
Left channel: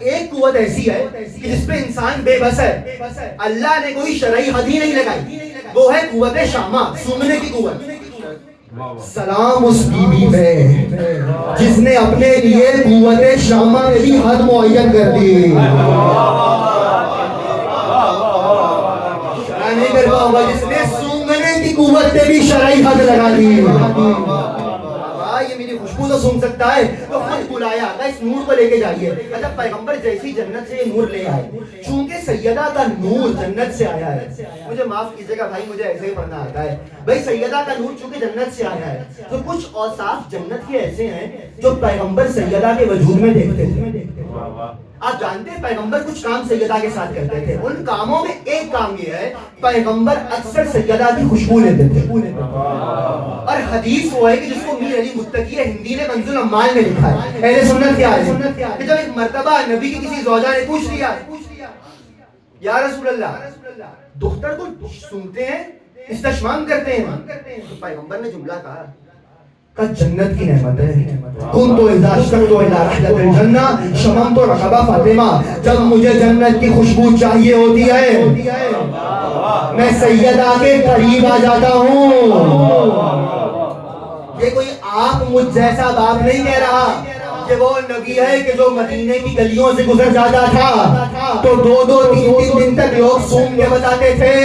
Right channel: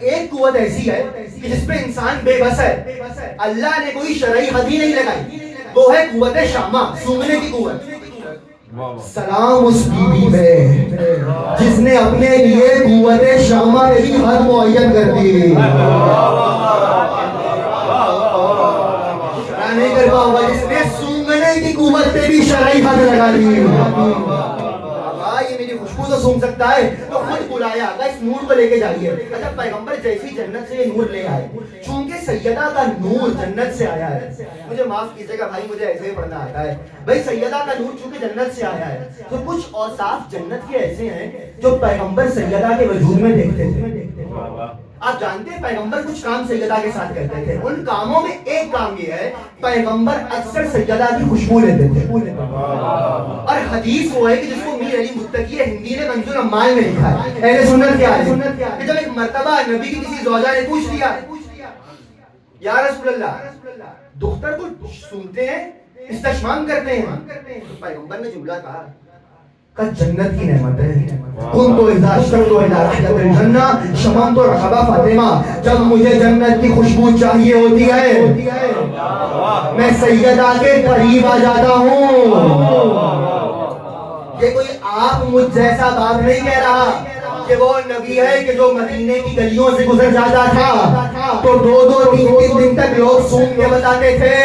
ایک قوت ایسی ہے کہ جس پہ انسان بے بس ہے, اللہ نے کوئی شرعی حد ہی نہیں لگائی, وہ ہے قوت شامہ, سونگھنے کی قوت. سلام اس بیوی پہ جس نے اپنے لیے قوت شامہ کی حد معین کر دی. نہیں کر پاؤں گا جس نے سونگھنے کی قوت پہ بھی شرعی حد لگا دی. یہ میری خوشبو تو سونگ سکتا ہے, تو خود بلایا اس نور کو لے کے جائیے. اچھا پیغمبر جیسی جنت سے نور لے آئے, چونکہ سیدہ کا نور جنت سے آیا ہے. مجھے معاف کیجیے گا بھائی, مجھے ایسے ہی پڑھنا آتا ہے بھائی. سیدہ کا نور چونکہ جنت سے آیا ہے, تو کچھ اوصاف جنت کے ایسے ہیں جو پیغمبر سیدہ کے وجود میں دیکھتے تھے. آپ جانتے ہیں پیغمبر کچھ کام سیدہ کے ساتھ کرتے تھے, ان کاموں میں ایک کام یہ ہے پیغمبر اکثر سیدہ کی خوشبو لیتے تھے. اور حدیث وہ ہے کہ جس کو میر علی متقی ہندی نے کنز الاموال میں لکھا ہے, اہل سنت کیا ہے کہ جب ایک مرتبہ نبی کی کسی زوجہ نے پوچھ لیا یا رسول اللہ دختر کو سنتے ہیں, استشمام کرتے ہیں, تو پیغمبر نے جملہ کہا کہ جنت کی نعمت ہے. کن تو اذا اشتقت الى رحلت الجنہ شممت رحبہ فاطمہ, جب مجھے جنت کی خوشبو چاہیے ہوتی ہے میں سیدہ کے قریب آ جاتا ہوں. یہ کوئی آپ مجھ جیسا باپ نہیں کہہ رہا کہ وہ نبی ہے کہ جو مدینے کی گلیوں سے گزر جاتا تھا تو 2-2 3-3 دن تک لوگ سون کے بتاتے تھے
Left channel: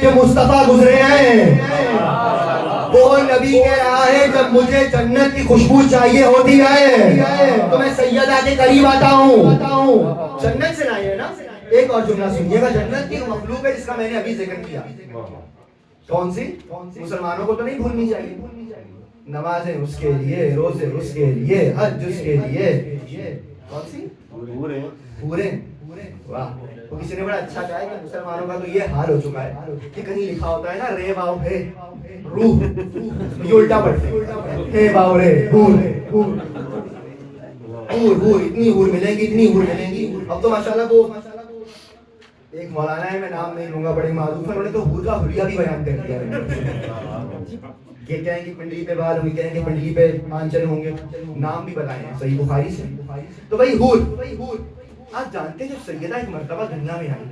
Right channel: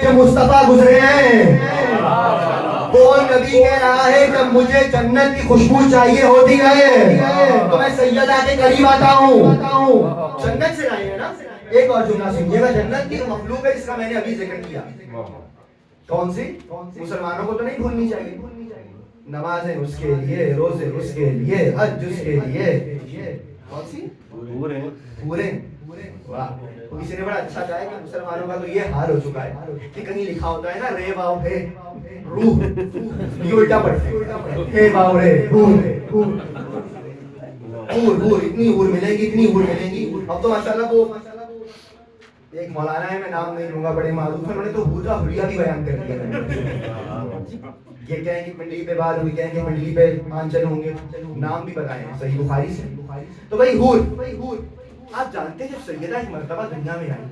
کہ مصطفیٰ گزرے ہیں. وہ نبی کہہ رہا ہے جب مجھے جنت کی خوشبو چاہیے ہوتی ہے تو میں سیدہ کے قریب آتا ہوں. جنت سے لائے ہیں نا. ایک اور جملہ سنیے گا, جنت کی مخلوق ہے جس کا میں نے ابھی ذکر کیا. کون سی؟ مسلمانوں کو تو نہیں بھولنی چاہیے. نمازیں اس کے لیے, روزے اس کے لیے, حج اس کے لیے. کون سی؟ پورے. واہ, تو کسی نے بڑا اچھا کہا ہے کہ مسلمانوں کا تو یہ حال ہو چکا ہے کہ کہیں لکھا ہوتا ہے نا رے واؤ ہے روح, یہ الٹا پڑھتے ہیں ہے واؤ رے ہور, اتنی ہور ملے گی, اتنی ہور ملیں گی. اب تو ماشاءاللہ وہ ایک مولانا ہے, میں نام نہیں لوں گا, بڑے معروف ہیں, انہوں نے تو ہور کا حلیہ بھی بیان کر دیا. یہ کہیں گے پنڈلی پہ بال ہوئی, کہیں گے پنڈلی پہ آنچل ہوں گے, نام بھی بتائے ہیں صحیح بخاری سے. تو بھائی ہور, آپ جانتے ہیں جب سیدہ ایک مرتبہ دنیا میں آئی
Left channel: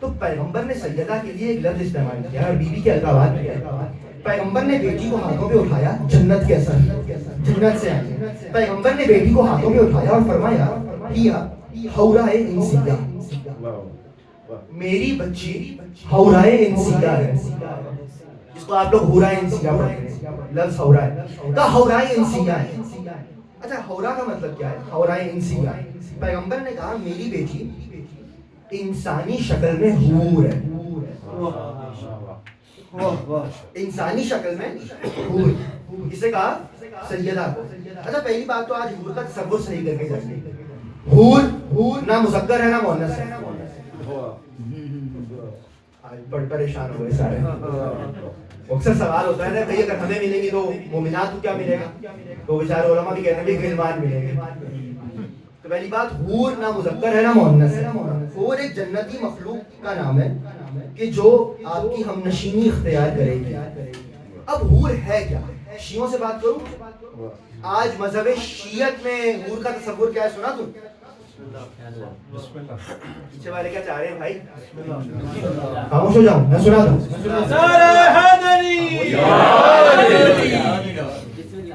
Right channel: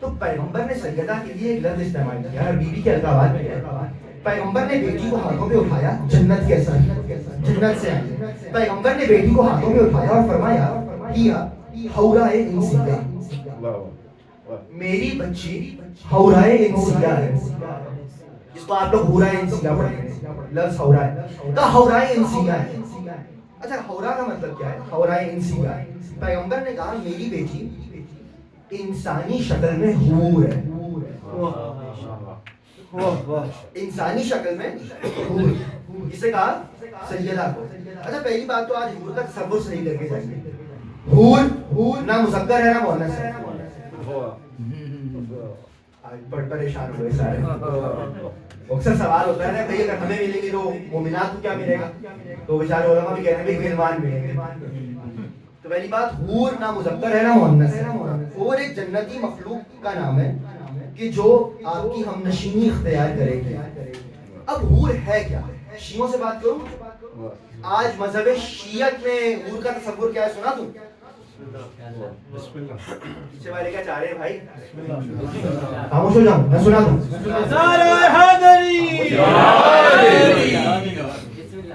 تو پیغمبر نے سیدہ کے لیے ایک لفظ استعمال کیا اور بیوی کے القابات کیا. پیغمبر نے بیٹی کو ہاتھوں پہ اٹھایا, جنت کے اثر, جنت سے آئی. پیغمبر نے بیٹی کو ہاتھوں پہ اٹھایا اور فرمایا حورائے انسیہ, میری بچی حورائے انسیہ ہے, جس کو آپ لوگ حورائے انسیہ پڑھتے ہیں. لفظ حورائے کا حورائے انسیہ ہے. اچھا حورا کا مطلب کیا ہے؟ حورائے انسیہ. پیغمبر نے کہا میری بیٹی انسانی شکل میں حور ہے. انسانی شکل میں حور, اسے کہا سیدہ کو. اچھا پہلی بات تو آج حور کا تصور صحیح کر کے جائیں گے. حور نہ مذکر ہے نہ مؤنث ہے. بڑے پریشان ہو گئے سارے. اکثر سوال ہوتا ہے نا بھئی اگر ہمیں ملے گی تو مومنات کو کیا ملے گا, تو بیچارے علماء بھی کہتے ہیں بھئی غلمان ملیں گے. تو پہلی بات حور نہ مذکر ہے نہ مؤنث ہے. حور ایک جنتی مخلوق کا نام ہے کہ جو آپ کی ہم نشینی اختیار کرے گی. اب حور ہے کیا؟ شیعوں سے بات کروں. آج مذہب شیعت میں حور کا تصور کیا ہے سنا تم؟ پیچھے والے کیا چاہ رہے ہیں بھائی؟ خاموش ہو جاؤ, میں سنا دوں.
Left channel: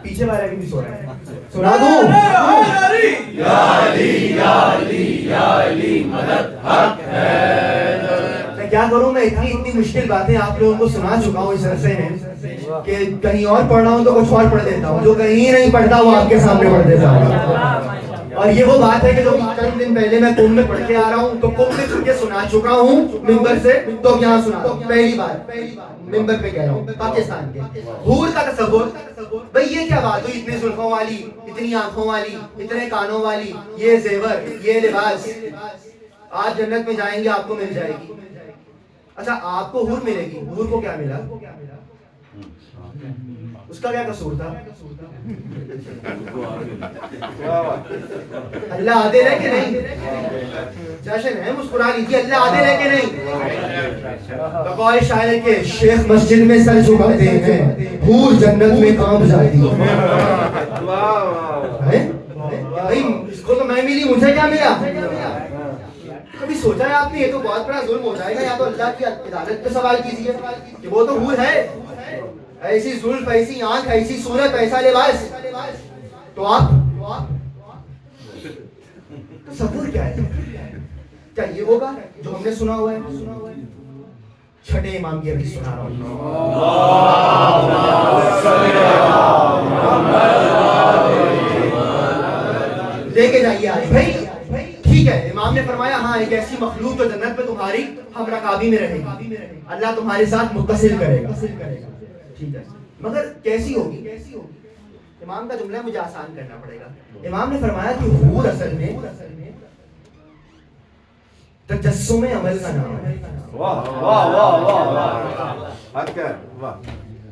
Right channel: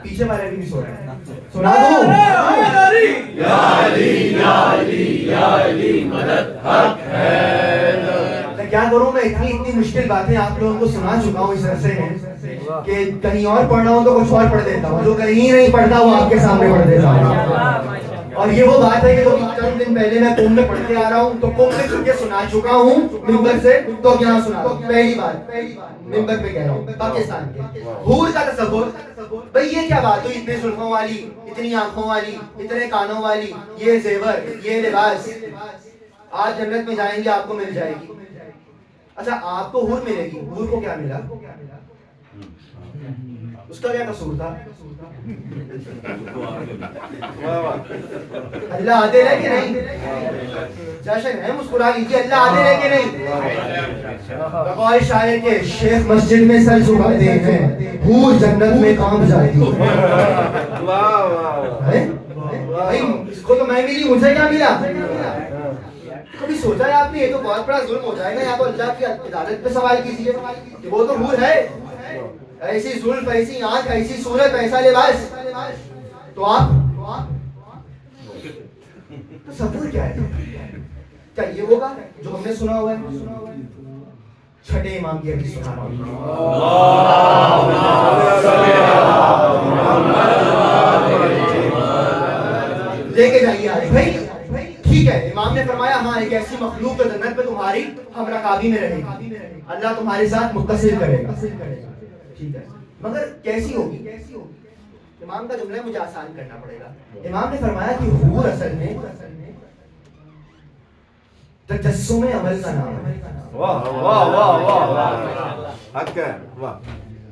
پیچھے والا بھی نہیں سو رہا ہے. سنا دوں یا علی یا علی یا علی مدد حق ہے. میں کیا کروں, میں اتنی مشکل باتیں آپ لوگوں کو سنا چکا ہوں اس عرصے میں کہ کہیں اور پڑھ رہا ہوں تو کچھ اور پڑھ دیتا ہوں, جو کہیں نہیں پڑھتا وہ آپ کے سامنے پڑھ دیتا ہوں. اور یہ وہ بات ہے کہ جو چند دن پہلے میں کم میں پڑھ کے آ رہا ہوں, تو کم میں تم کے سنا چکا ہوں ممبر سے, تو یہاں سنا دوں. پہلی بات ممبر پہ کہہ رہا ہوں, پاکستان کے حور کا تصور. بھئی یہ کیا بات ہوئی, اتنے زلفوں والی, اتنی آنکھوں والی, اتنے کانوں والی, یہ زیور, یہ لباس, آج جنت میں جائیں گے آپ کو مل جائے گی. اچھا آپ کو حور ملے گی, حور کو کیا ملا, اس کا کیا قصور تھا؟ اللہ آتے لے کے نہیں, جشن ہے مسکرا لیجیے, اللہ آتے لے کے نہیں. بقول شاعر کے شیخ مسجد میں سر جھکاتے ہیں, حور جنت میں کام جاتی ہے. اس کو تو میں ملی, مجھے کیا ملا؟ کبھی سوچا ہے آپ نے یہ تو بہت بڑا ظلم ہو جائے گا, یا تو اللہ کی عدالت پہ سوال کیجیے کہ وہ تو حور ہے, ایسی زلف, ایسی آنکھ, ایسی صورت, ایسا لباس, تو آپ تصور کیا ہے؟ کیا یہ ہوگا جو ہم نے سنا ہوا ہے؟ چھٹے امام کی حدیث سنا رہا ہوں, لے کے جائیے آج بھائی. ٹھیک ہے, امام نے فرمایا ہاں ایک ایسی مخلوق تو جنت پہ تمہاری ہم رکابی میں رہے گی, اللہ تمہارے ساتھ متصل کرے گا. ٹھیک ہے, مگر کیسی ہوگی؟ امام کا جملہ مجھے آسان کرنا پڑے گا. امام نے فرمایا کہ حور اصل میں تجسم عمل کا نام ہے. واہ واہ واہ واہ, حق ہے,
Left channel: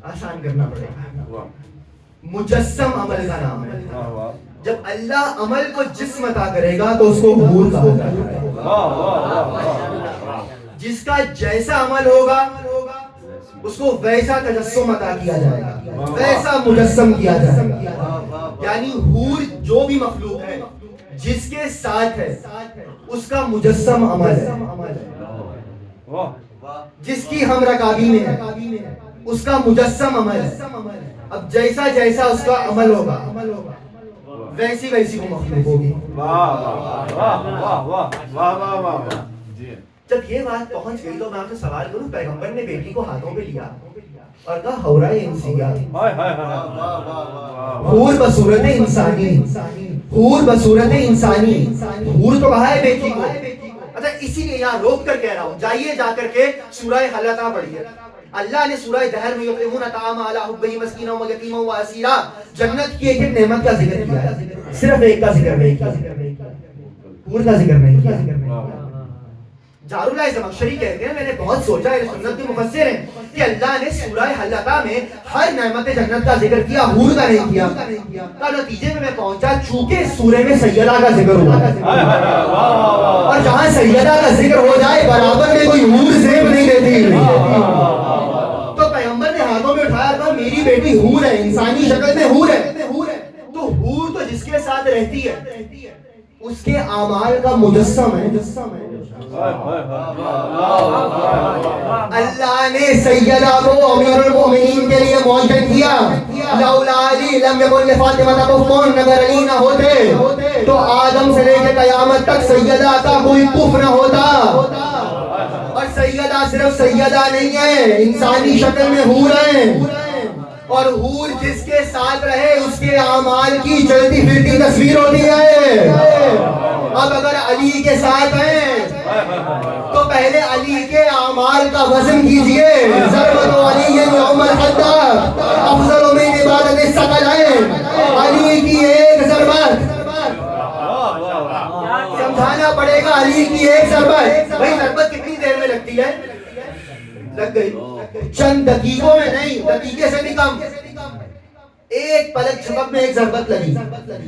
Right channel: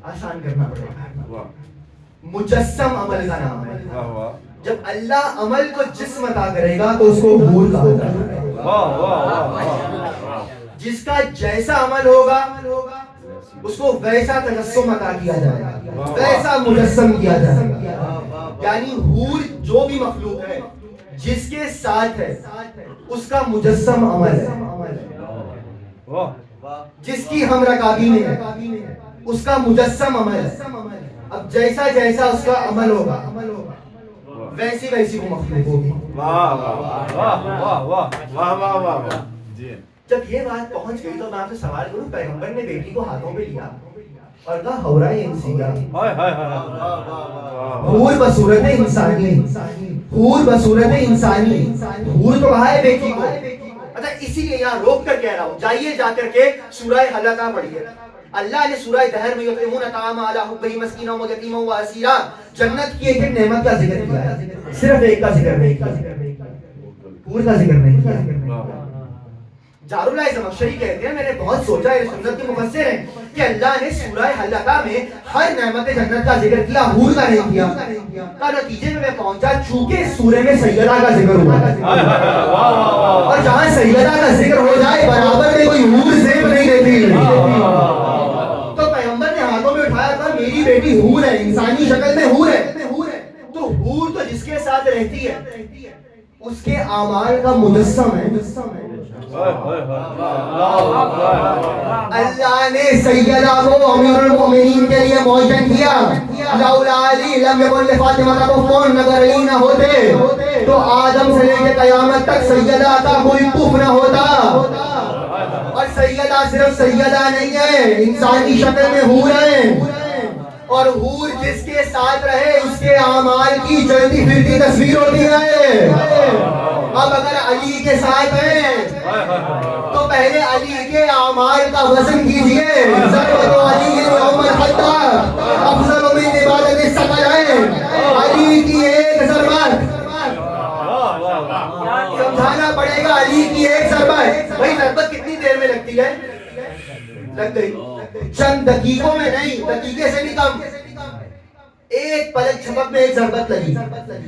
آسان کرنا پڑے گا. مجسم عمل کا نام ہے. جب اللہ عمل کو جسم عطا کرے گا تو اس کو حور کہا جائے گا. جس کا جیسا عمل ہوگا اس کو ویسا تجسم عطا کیا جائے گا, ویسا مجسم کیا جائے گا. یعنی حور جو بھی مخلوق ہے جس کے ساتھ ہے اس کا مجسم عمل ہے, جس کی ہم رکابی میں ہے اس کا مجسم عمل ہے. اب جیسا جیسا اس کا عمل ہوگا ویسی ویسی وہ مخلوق ہوگی. جب یہ بات پہنچ گئی تو میں آپ سے سوال کروں, پیغمبر نے بیٹی کو ہاتھوں پہ لیا اور کہا حورہ انسیہ, حور بصورت انسانی, حور بصورت انسانی, حور تو کہا ہے بیٹی کو. اچھا اسی لیے یہاں روک کر کہہ رہا ہوں, جائیے جا کر کے سورہ حلقہ پڑھیے. اللہ نے سورہ دہر میں یطعمون الطعام علی حبہ مسکینا و یتیما و اسیرا, جنت کی ایک ایک نعمت کا ذکر کیا ہے, صرف ایک کا ذکر نہیں کیا, حور کا ذکر نہیں کیا. جار اللہ زمخشری کہتے ہیں میں نے بہت سوچا, یہ سنت کے مفسر ہیں, کہ اللہ نے سورہ حلقہ میں ہر نعمت جنت کا ذکر کیا, حور کا نہیں کیا. تو نتیجے میں پہنچا چونکہ سورہ میں سیدہ کا ذکر ہوا ہے, اور جہاں سیدہ کا ذکر ہو جائے برابر میں کوئی حور زیب نہیں رہتی. تو پیغمبر نے ہاتھوں میں اٹھایا تھا میری بیٹی حور ہے, انسانی شکل میں حور ہے. تو حور تو جس کے ساتھ رہتی ہے اس کے اعمال کا مجسم ہے. اللہ نے سیدہ کو امیر المومنین کے لیے معین کیا. لولا علی لم یکن لفاطمہ کفون, اگر علی نہ ہوتے تو آدم سے لے کے قیامت تک سیدہ کا کوئی کف نہ ہوتا. اور سیدہ صرف سیدہ نہیں ہے, انسانی شکل میں حور ہے, اور حور جس کے ساتھ رہے اس کے اعمال کی چلتی پھرتی تصویر ہوتی ہے. اب اگر علی کے ساتھ ہیں تو پہلے علی کے اعمال کا وزن کیجئے. ضربت علی یوم الحدہ افضل من عبادت الثقلین, علی کی ایک ضربت, سمجھانا پڑے گا, علی کی ایک ضربت. بھائی ضربت کتنی دیر میں لگتی ہے؟ لگ گئی چند دقیقوں میں نہیں, دقیقے سے بھی کم, ایک پلک جھپک میں ایک ضربت لگی.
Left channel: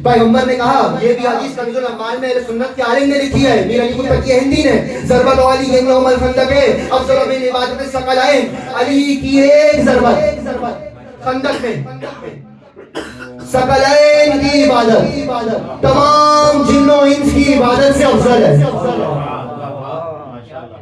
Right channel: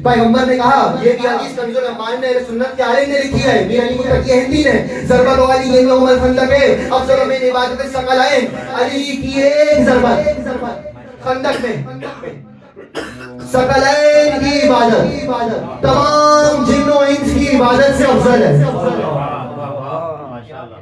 پیغمبر نے کہا, یہ بھی حدیث کنز الایمان میں اہل سنت کے عالم نے لکھی ہے, میر علی متقی ہندی نے, ضربت علی یوم الخندق افضل من عبادت الثقلین, علی کی ایک ضربت خندق میں ثقلین کی عبادت تمام جن و انس کی عبادت سے افضل ہے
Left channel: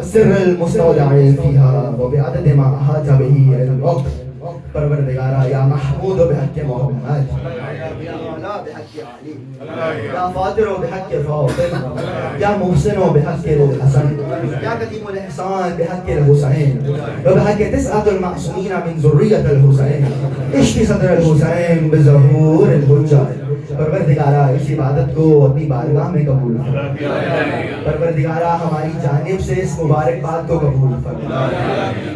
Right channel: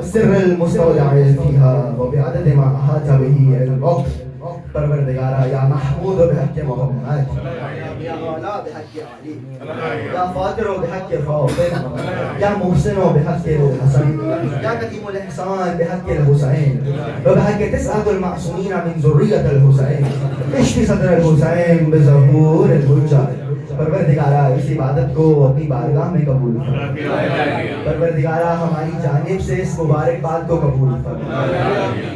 والسر المستودع فيها وبعدد ما أحاط به الوقت. پروردگارا یا محمود بحق محمد، یا اعلیٰ بحق علی، یا فاطر بحق فاطر، یا محسن بحق الحسن، یا قدیم الاحسان بحق الحسین، وبحق تسعة المعصومین من ذریة الحسین، اشتی صدر الحسین بظہور الحجہ. پروردگارا اس عبادت کو اپنی بارگاہ میں قبول فرما. پروردگارا ہماری جانب سے اس مبارک بات کو قبول فرما.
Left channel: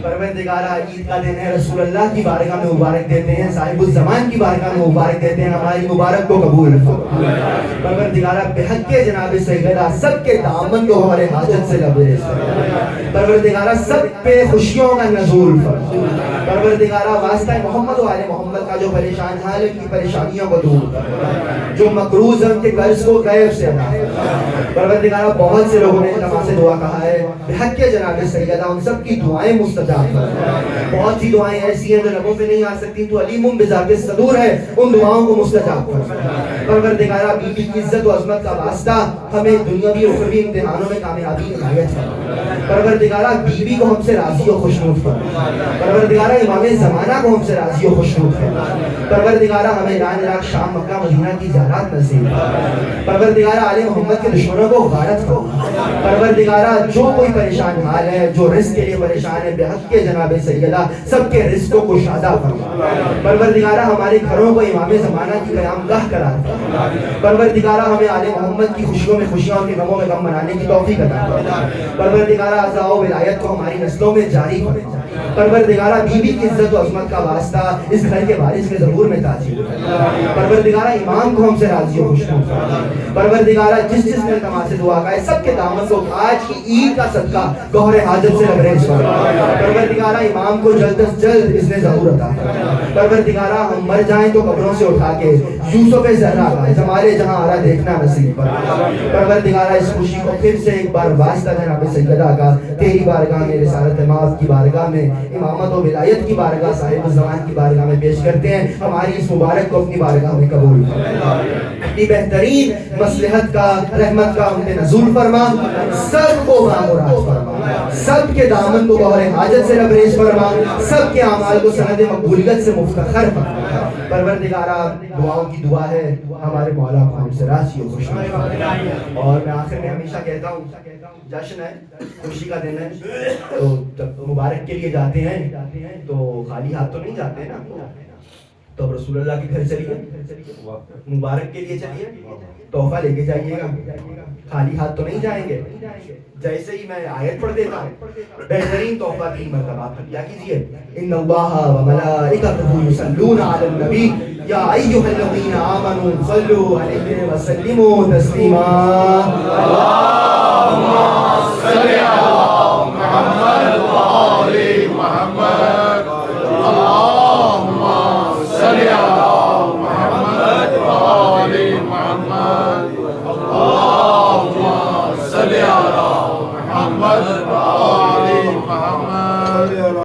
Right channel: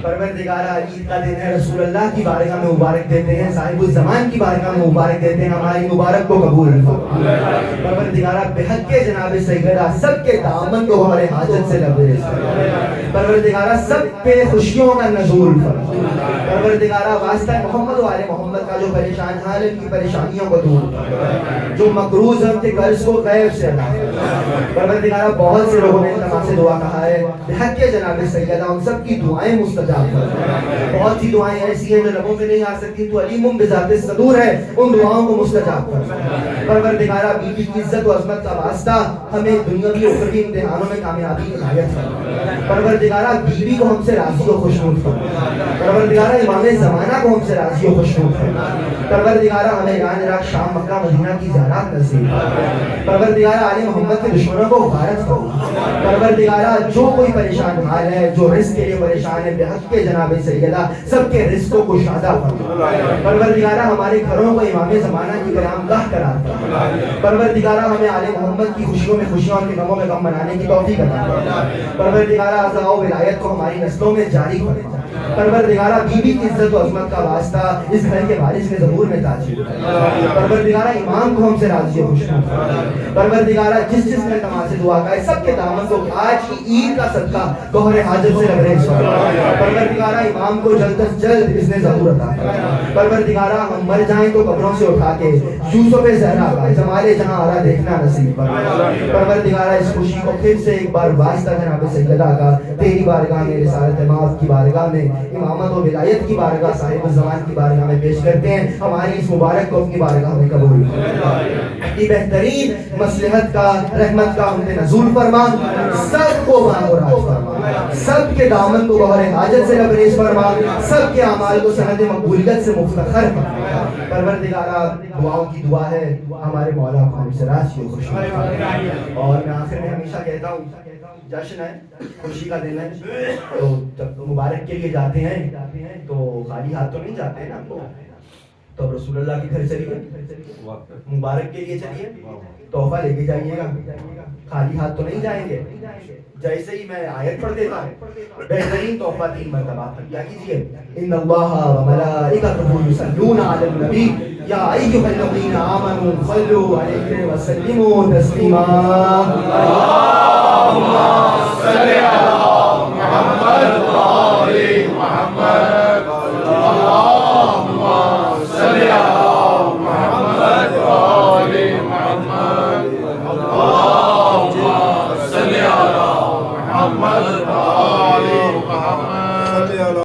پروردگارا عید کا دن ہے، رسول اللہ کی بارگاہ میں مبارک دیتے ہیں، صاحب الزمان کی بارگاہ میں مبارک دیتے ہیں، ہماری مبارک کو قبول فرما. پروردگارا بحق جناب سیدہ سب کے دامن کو ہمارے حاجت سے لبریز فرما. پروردگارا سب پہ خوشیوں کا نزول فرما. پروردگارا واسطہ محمد و آل محمد کا جو پریشان حال ہے، ان کی پریشانیوں کو دور فرما. جو مقروض ہیں ان کے قرض کو غیب سے ادا فرما. پروردگارا بہت سے لوگوں نے اجتماع سے دعا کہا ہے، بحق جناب سیدہ ان سب کی دعائیں مستجاب فرما. بہت سی دعائیں ایسی ہیں جو لبوں پہ نہیں آ سکتی، تو علیم بذات الصدور ہے، ان دعاؤں کو مستجاب فرما. پروردگارا بی بی کی عزت و عظمت کا واسطہ ہمیں دنیاوی و اخروی امتحانوں میں کامیابی عنایت فرما. پروردگارا بی بی کو ہم سے راضی و خوشنود فرما. پروردگارا امام زمانہ کو ہم سے راضی و خوشنود فرما. پروردگارا ہمیں ایران، عراق، شام، مکہ، مدینہ کی زیارات نصیب فرما. پروردگارا آل محمد کے دشمنوں کو غارت فرما. پروردگارا جو کوئی پریشان حال ہے، جو رزق کے لیے پریشان ہے، بحق کے جناب سیدہ سب کے رزقوں کو شادہ فرما. پروردگارا ہمارے گھروں کو امام زمانہ کی قیام گاہ قرار فرما. پروردگارا ہمیں آل محمد کی خوشیوں میں خوشیاں اور غموں میں غم منانے کی توفیق عطا فرما. پروردگارا عزا و ولایت کو ہماری نسلوں میں جاری فرما. پروردگارا بی بی کی عزت و عظمت کا واسطہ اس گھر کے وارث کے ظہور میں تاجر فرما. پروردگارا امام کو ہم سے راضی و خوشنود فرما. پروردگارا جس جس نے تمام سے دعا کا سب کے دامن کو آج کی عید کا صدقہ گوہر حاجت سے لبریز فرما. پروردگارا امام کو جلد از جلد اس نے ظہور عطا فرما. پروردگارا ہم مر جائیں تو قبروں سے اٹھا کے یوسف زہرا کا جمال جہاں آرا دیکھنا نصیب فرما. پروردگارا اس خوشی کو پھر سے ایک بار واسطہ جناب سیدہ کا تیری بارگاہ میں، رسالت مآب کی بارگاہ میں، امامت و ولایت کی بارگاہ، صاحب الزمان کی بارگاہ میں پیش کرتے ہیں. ہماری اس مبارک کو اپنی بارگاہ میں قبول فرما. اپنی بہترین مصلحت کا، رحمت کا ہم نے نزول فرما. سب کو بامراد فرما. سب کے دامن کو گوہر حاجت سے لبریز فرما. سب کے اعمال کو سند مقبولیت سے مفتخر فرما. پروردگارا دعاؤں کی دعا ہے، ہمارے مولا کو ہم سے راضی و خوشنود فرما. اور میں آخر میں ہمیشہ کہتا ہوں، جشن ہے، خوشی کا دن ہے، تو جب مبارک کے لیے جاتے ہیں تو خالی ہاتھ تو نہیں جاتے ہیں نا. تو رسول اللہ کے گھر چلیے، مبارک کے لیے چلیے، تحفہ لے کے جائیے گا، خالی ہاتھ تو نہیں جائیں گے. جیسے ہی میں آیت پڑھ دیتا ہوں، بہترین تحفہ 3 مرتبہ کیا کیجیے، ان اللہ و ملائکتہ یصلون علی النبی یا ایھا الذین آمنوا صلوا علیہ وسلموا تسلیما. اللهم صل علی محمد و آل محمد. اللهم صل علی محمد و آل محمد. اللهم صل علی محمد و آل محمد.